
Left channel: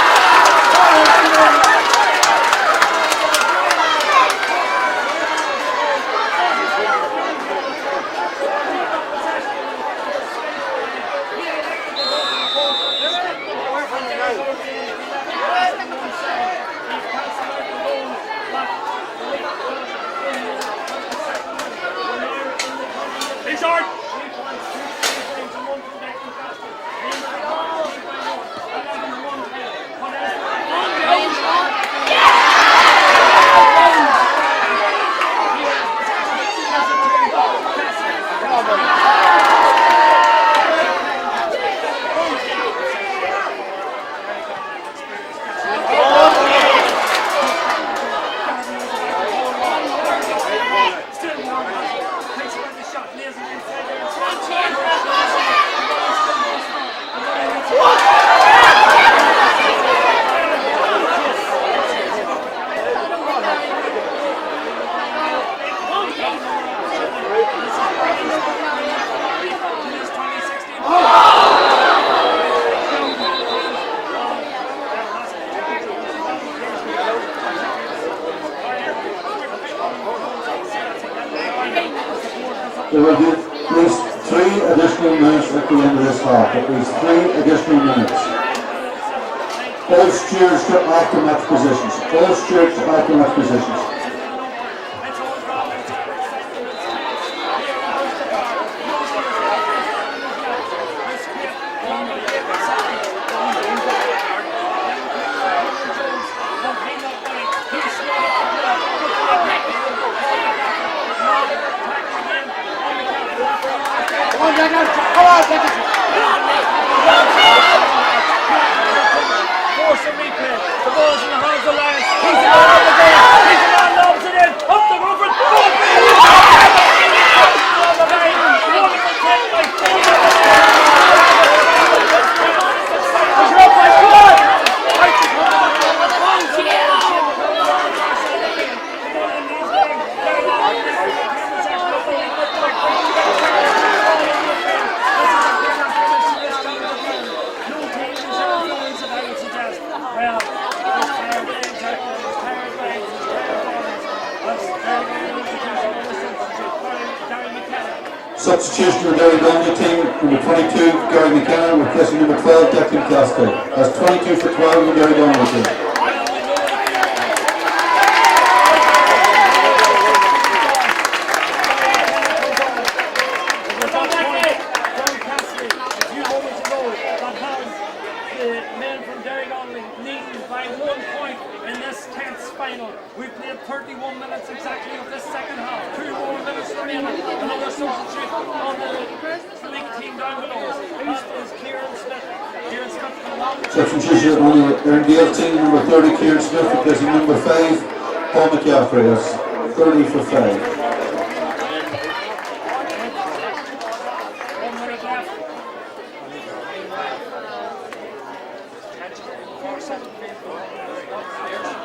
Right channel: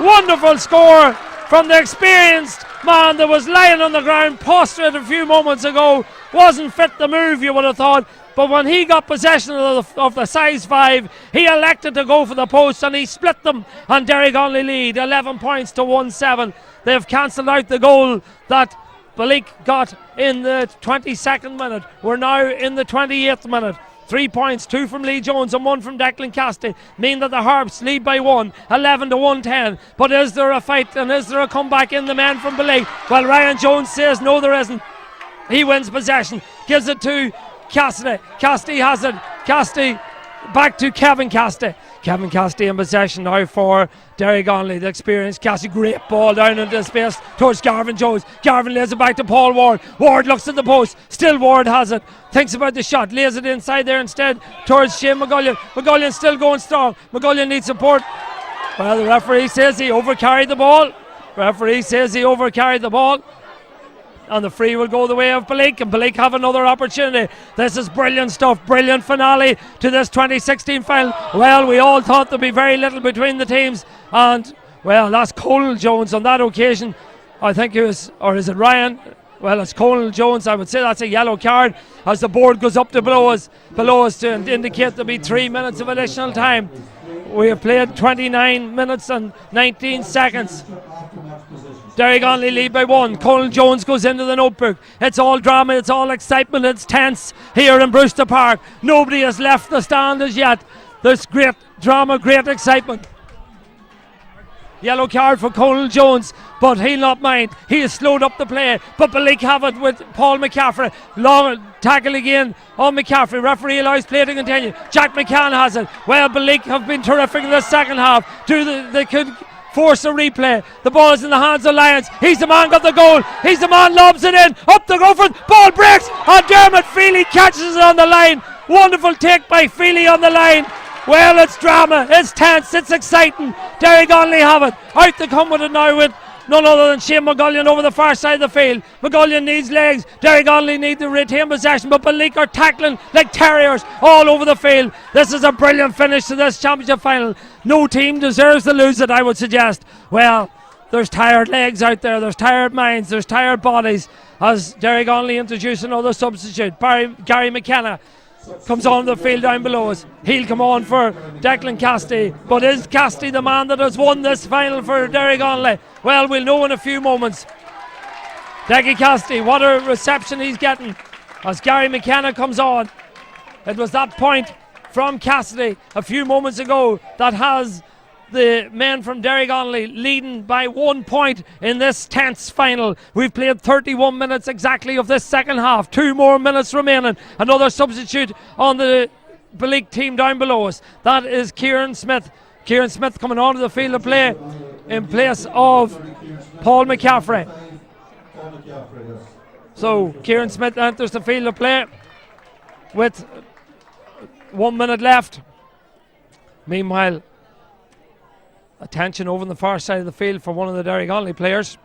Wonderful score from the experienced man that was lying on the ground, posted a few moments ago. Wasn't fit the move, you would have thought. But when he got possession of the size 5, he elected to go for the post and he split them, and Derrygonnelly lead 11 points to 1-7. They've cancelled out the goal that Balik got in the 22nd minute. We're now in the 28th minute. 3 points, 2 from Lee Jones and 1 from Declan Cassidy, mean that the Harps lead by 1, 11 to 110. But is there a fight and is there a comeback in the man from Balik? Well, Ryan Jones says no, there isn't. He wins possession, gives it to Cassidy. Cassidy has it. Cassidy back to Kevin Cassidy. Kevin Cassidy in possession now for Derrygonnelly. The experienced Cassidy, great ball down into the space. Coach Garvin Jones. Garvin lays it back to Paul Ward. Ward looks at the post. Still Ward has it. Thinks about the shot. Lays it inside there instead towards Shane McGullion. McGullion's still going strong. McGullion needs support. Well, the referee says he overcarried the ball. And the free will go the way of Balik, and Balik have another opportunity. This is brilliant stuff, brilliant finale to this 2016 final. Well, we all thought there'd be very little between the teams, and well, that's Colin Jones on that occasion. I think it was, or is it Ryan? Well, it's Colin Jones. I would say that's a yellow card as the board goes up to below us to indicate there'll be 3 minutes of additional time. We've played 29 minutes and 19 seconds. Derrygonnelly lead by 1. Colin Jones goes into the notebook. It's all drama, it's all excitement, it's tense here in Brewster Park. Nobody has left the stand as yet. There's great drama, great excitement. Yellow card for Colin Jones, but he'll not mind. He has slowed up the play, but Balik have it with Paul McCaffrey. Long tackle again on McCaffrey. Referee allows play to continue. Jack McCann has it. Well, Balik have been terrific in the second half. They could force a replay. The ball is in the hands of Lyons. He's the man got the goal. He's the man, lobs it in. Up the go for it. Ball breaks. And Dermot Feely catches it on the line. Wonderful take by Feely on the line. Well, it's drama, it's tense, it's exciting. Derrygonnelly have it. Out to come with it now with none other than Shane McGullion over the far side of the field. McGullion needs legs. Derrygonnelly need to retain possession, but Balik are tackling like terriers all over the field. This is a brilliant finish to this championship final. No team deserves to lose it, I would suggest. Well, there's tired legs out there, there's tired minds, there's tired bodies, as Derrygonnelly introduce another substitute. Gary McKenna comes on the field down below us. He'll come on for Declan Cassidy. But is Cassidy the man that has won this final for Derrygonnelly? Well, we'll know in a few moments. Declan Cassidy, what a reception he's getting as Gary McKenna comes on. It was that point from Cassidy a few moments ago that has the men from Derrygonnelly leading by 1 point in this tense final. We've played 31 minutes exactly of this second half. 2 more minutes remaining. Another substitute on the Balik team down below us. That is Kieran Smith. Kieran Smith coming onto the field of play in place of Paul McCaffrey. So Kieran Smith enters the field of play with 1 minute left. Meanwhile, attention over on the far side of the field for one of the Derrygonnelly players.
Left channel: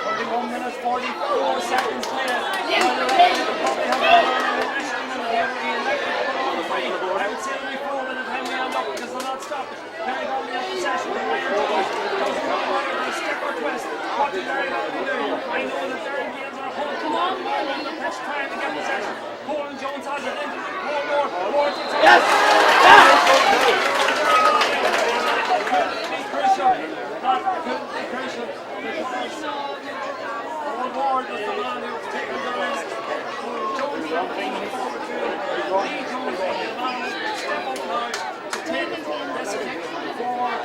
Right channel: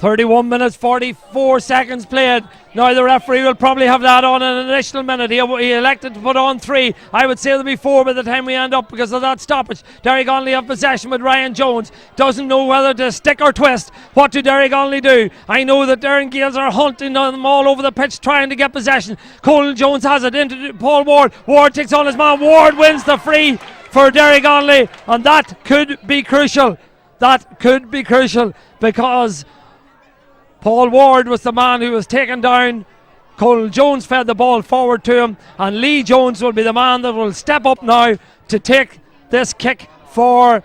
(31 minutes 44 seconds played). Now the referee will probably have that on an additional minute. He elected to put on 3. I would say there'll be 4 by the time we end up because of that stoppage. Derrygonnelly have possession with Ryan Jones. Doesn't know whether to stick or twist. What do Derrygonnelly do? I know that Derry Gaels are hunting on them all over the pitch trying to get possession. Colin Jones has it into Paul Ward. Ward takes on his man. Ward wins the free for Derrygonnelly, and that could be crucial. That could be crucial because Paul Ward was the man who was taken down. Colin Jones fed the ball forward to him, and Lee Jones will be the man that will step up now to take this kick for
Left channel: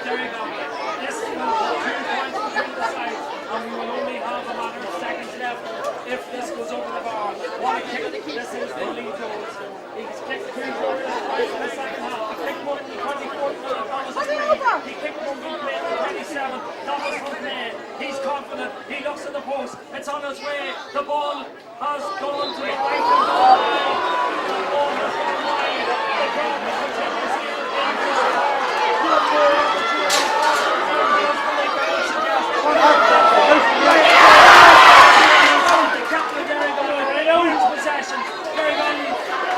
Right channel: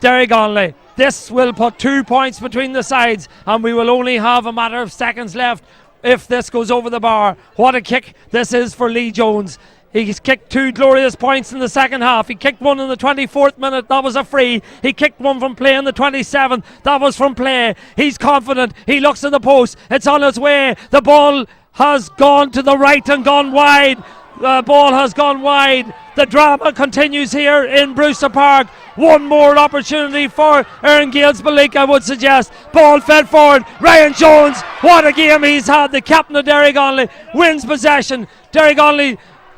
Derrygonnelly. This will put 2 points between the sides, and we will only have a matter of seconds left if this goes over the bar. What a kick this is for Lee Jones. He's kicked 2 glorious points in the second half. He kicked one in the 24th minute, that was a free. He kicked one from play in the 27th, that was from play. He's confident, he looks at the post, it's on its way. The ball has gone to the right and gone wide. The ball has gone wide. The drama continues here in Brewster Park. One more opportunity for Erne Gaels Balika, I would suggest. Paul fed forward. Ryan Jones, what a game he's had. The captain of Derrygonnelly wins possession. Derrygonnelly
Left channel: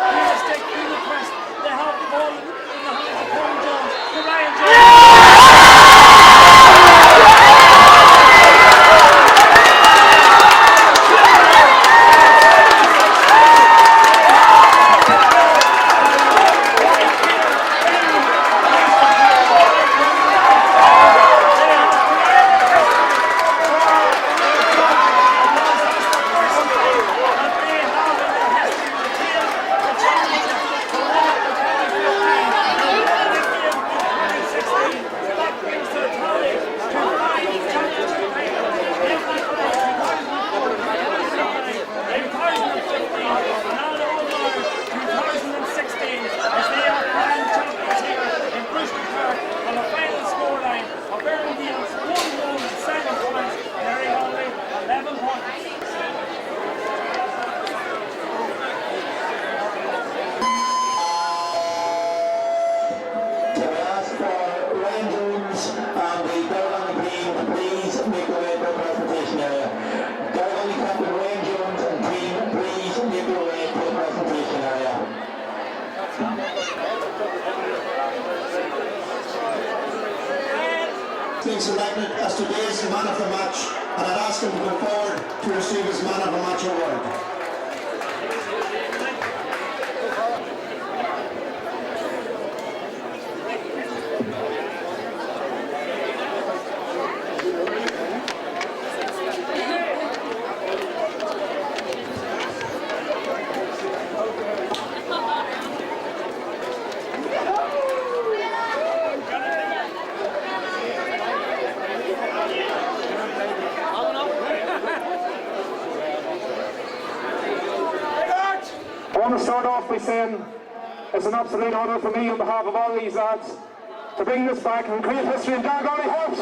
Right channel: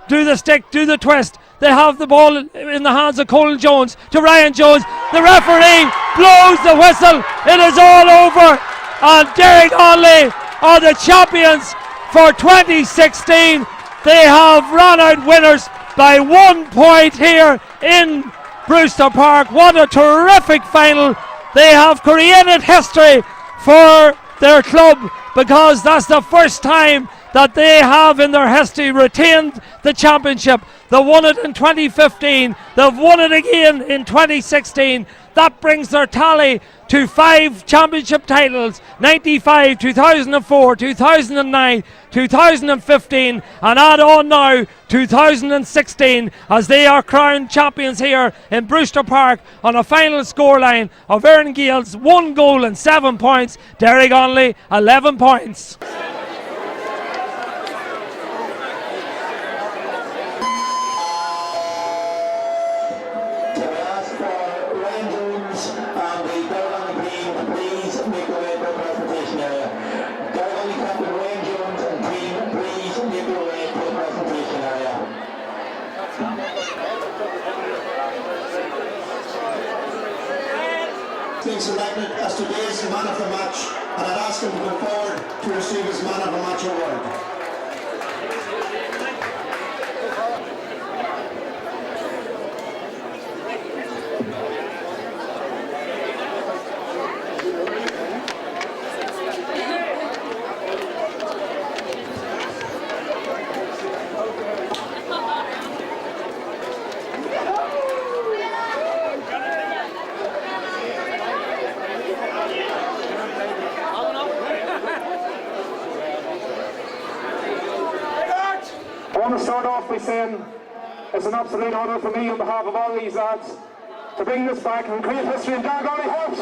do the stick, do the twist. They have the ball in the hands of Colin Jones to Ryan Jones. The referee blows the whistle. It is all over. And Derrygonnelly are the champions for 2016. They have run out winners by 1 point here in Brewster Park. What a terrific final. They have created history for their club because that's the first time that they have in their history retained the championship. They won it in 2015. They've won it again in 2016. That brings their tally to 5 championship titles: 95, 2004, 2009, 2015, and add on now 2016 as they are crowned champions here in Brewster Park on a final scoreline of Erne Gaels 1 goal and 7 points, Derrygonnelly 11 points. Being selected as today's man of the match, and I'd ask him to come forward to receive his man of the match award. I want to start off by saying it's an absolute honour for me on behalf of all these lads to bring this back and create history in Derrygonnelly Harps.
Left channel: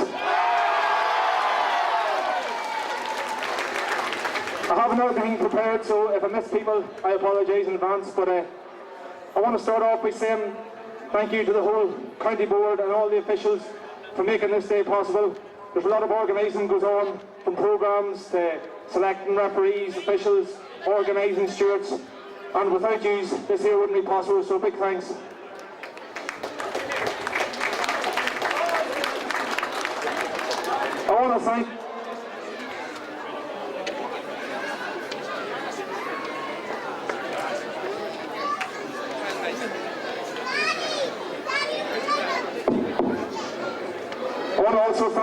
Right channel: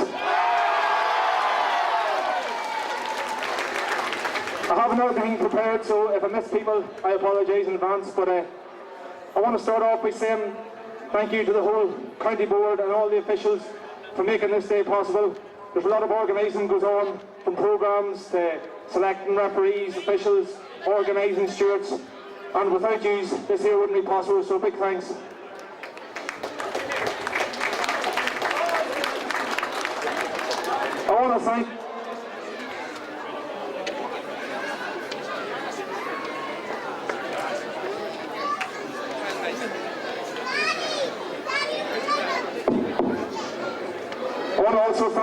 I haven't everything prepared, so if I miss people, I apologise in advance, but I want to start off by saying thank you to the whole county board and all the officials for making this day possible. There's a lot of organising goes on, from programmes to selecting referees, officials, organising stewards. And without you, this here wouldn't be possible, so big thanks. I want to thank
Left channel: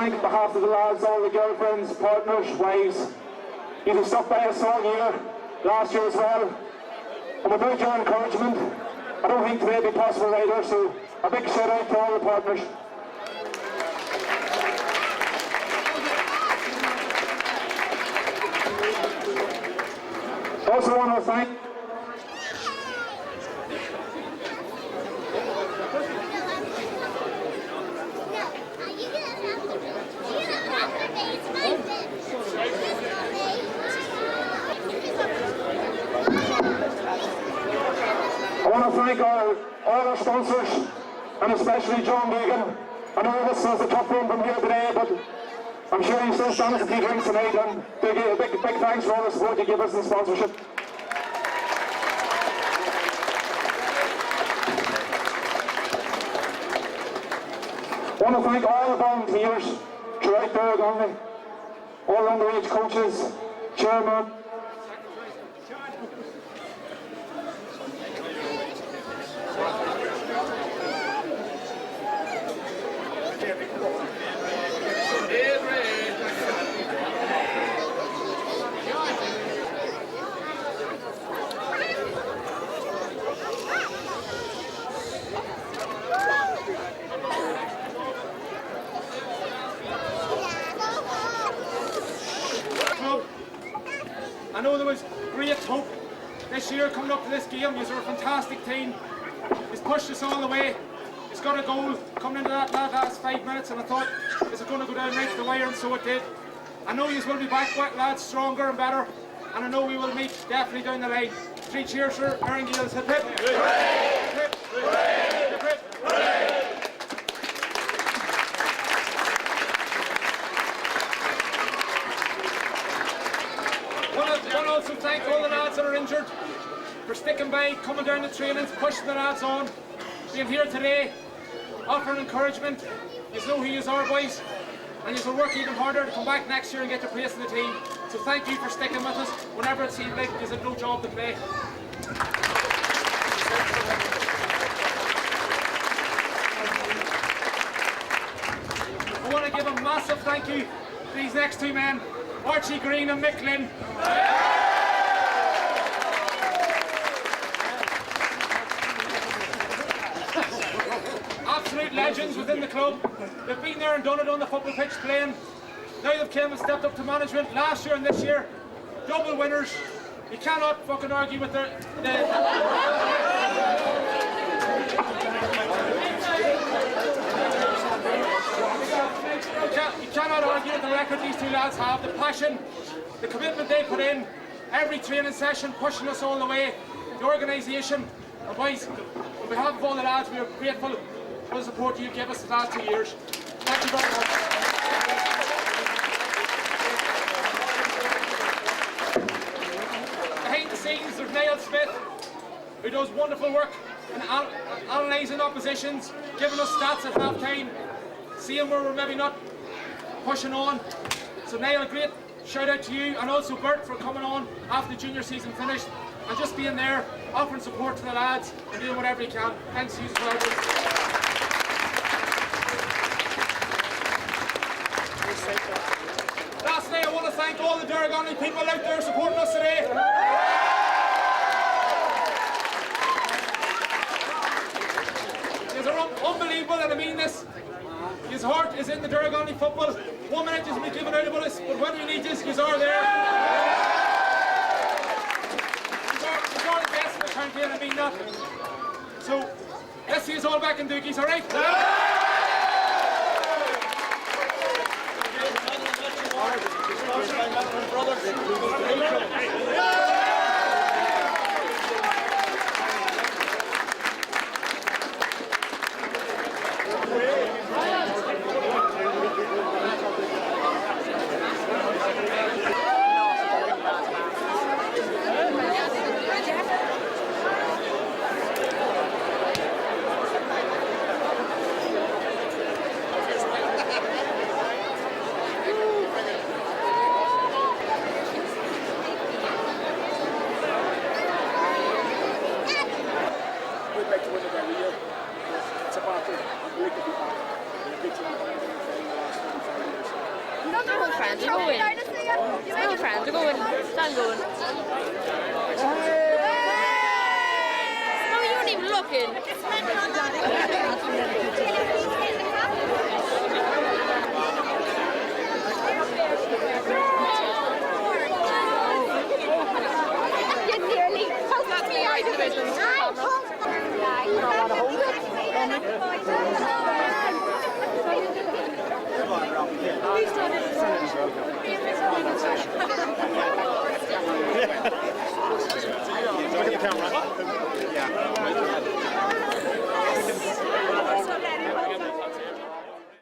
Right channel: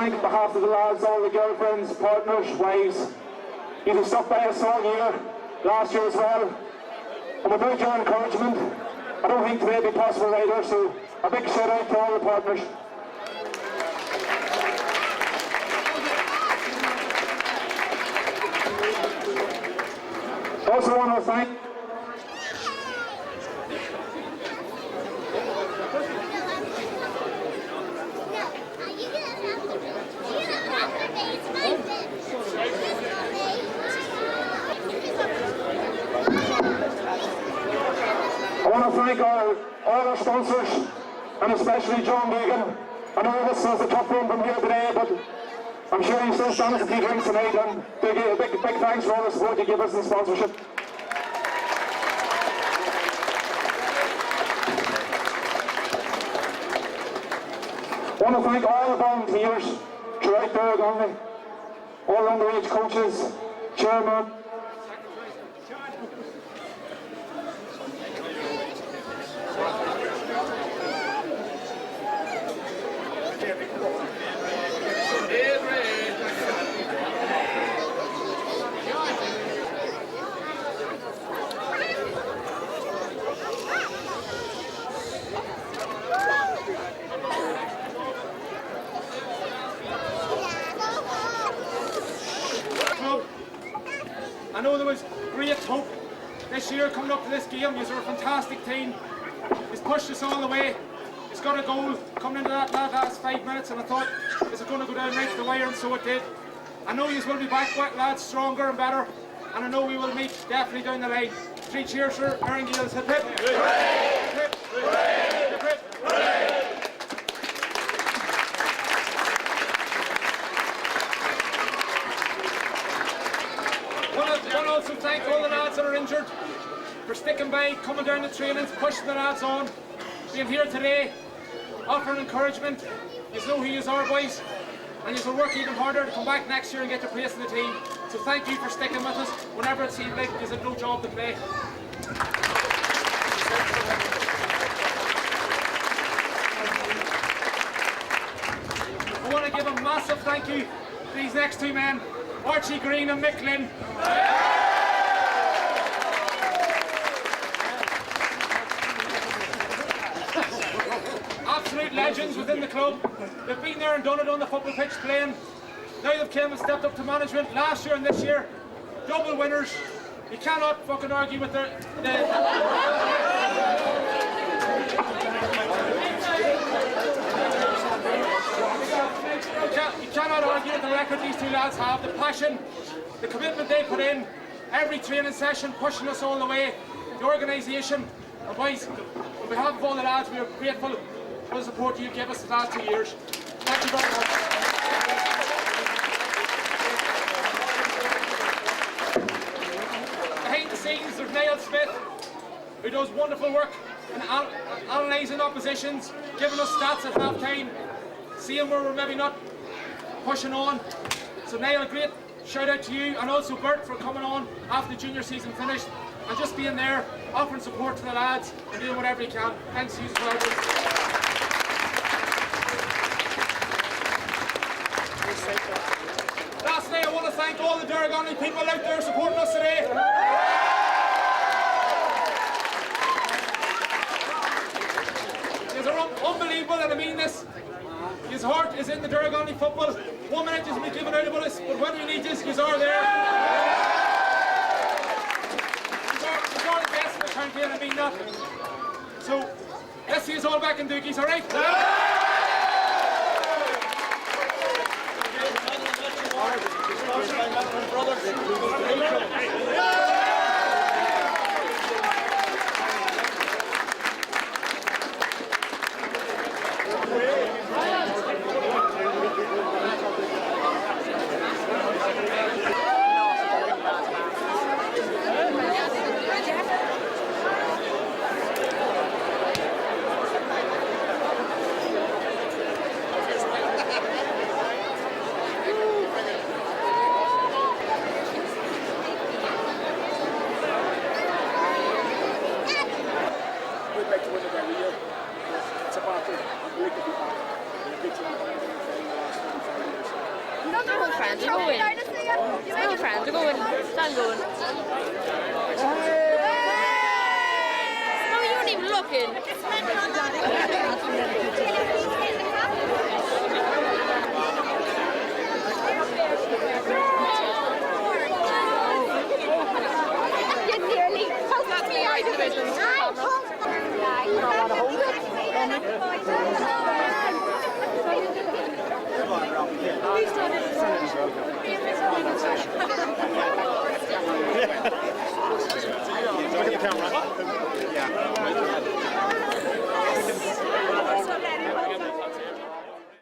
on behalf of the lads, all the girlfriends, partners, wives. You've stuck by us all year, last year as well. And without your encouragement, I don't think today would be possible either, so a big shout out to all the partners. Also want to thank all our sponsors, and especially John Deegan. I know this was a tough one from here today, but I'm sure you still stand us a few drinks tonight, and a big thanks for all the support you give us in sponsorship. I want to thank all the volunteers throughout Derrygonnelly, all underage coaches, chairman. year coming up to this game. You're a fantastic team. He's pushed us all the way. He's got a goal coming into that last 5 minutes, and I thought, is it going to go down right to the wire? And so it did. I know you will be back, lads, stronger and better, and I know we will meet definitely down the line. 3 cheers for Erne Gaels. Hip hip! Hooray! Hip hip! Hooray! Hip hip! Hooray! Want to also thank all the lads that are injured for sticking by, coming down the trainings, pushing the lads on, being here today, offering encouragement. You know who you are, boys, and you will work even harder to come back next year and get your place in the team. So thank you for sticking with us whenever it seemed like you had no job to play. I want to give a massive thank you to these next 2 men, Archie Green and Mick Lynn. Absolute legends within the club. They've been there and done it on the football pitch playing. Now they've came and stepped up to management last year and this year. Double winners. You cannot fucking argue with you cannot argue with the record these 2 lads have. The passion, the commitment they put in, every training session pushing us all the way, the organisation. And boys, on behalf of all the lads, we are grateful for the support you gave us the last 2 years. Thank you very much. Behind the scenes, there's Niall Smith, who does wonderful work in analysing oppositions, giving us stats at half time, seeing where we're maybe not pushing on. So Niall, a great shout out to you, and also Bert for coming on after the junior season finished and just being there, offering support to the lads and doing whatever he can. Thanks to you as well. Lastly, I want to thank all the Derrygonnelly people out there supporting us today. These are unbelievable, and I mean this. His heart is in the Derrygonnelly football. 1 minute is me giving out about us, but when we need this, you are there. You are the best in the county, and I mean that. So, let's see us all back in Doogies, alright? Friends are going. No friends are going. Stand going. No, you weren't even looking.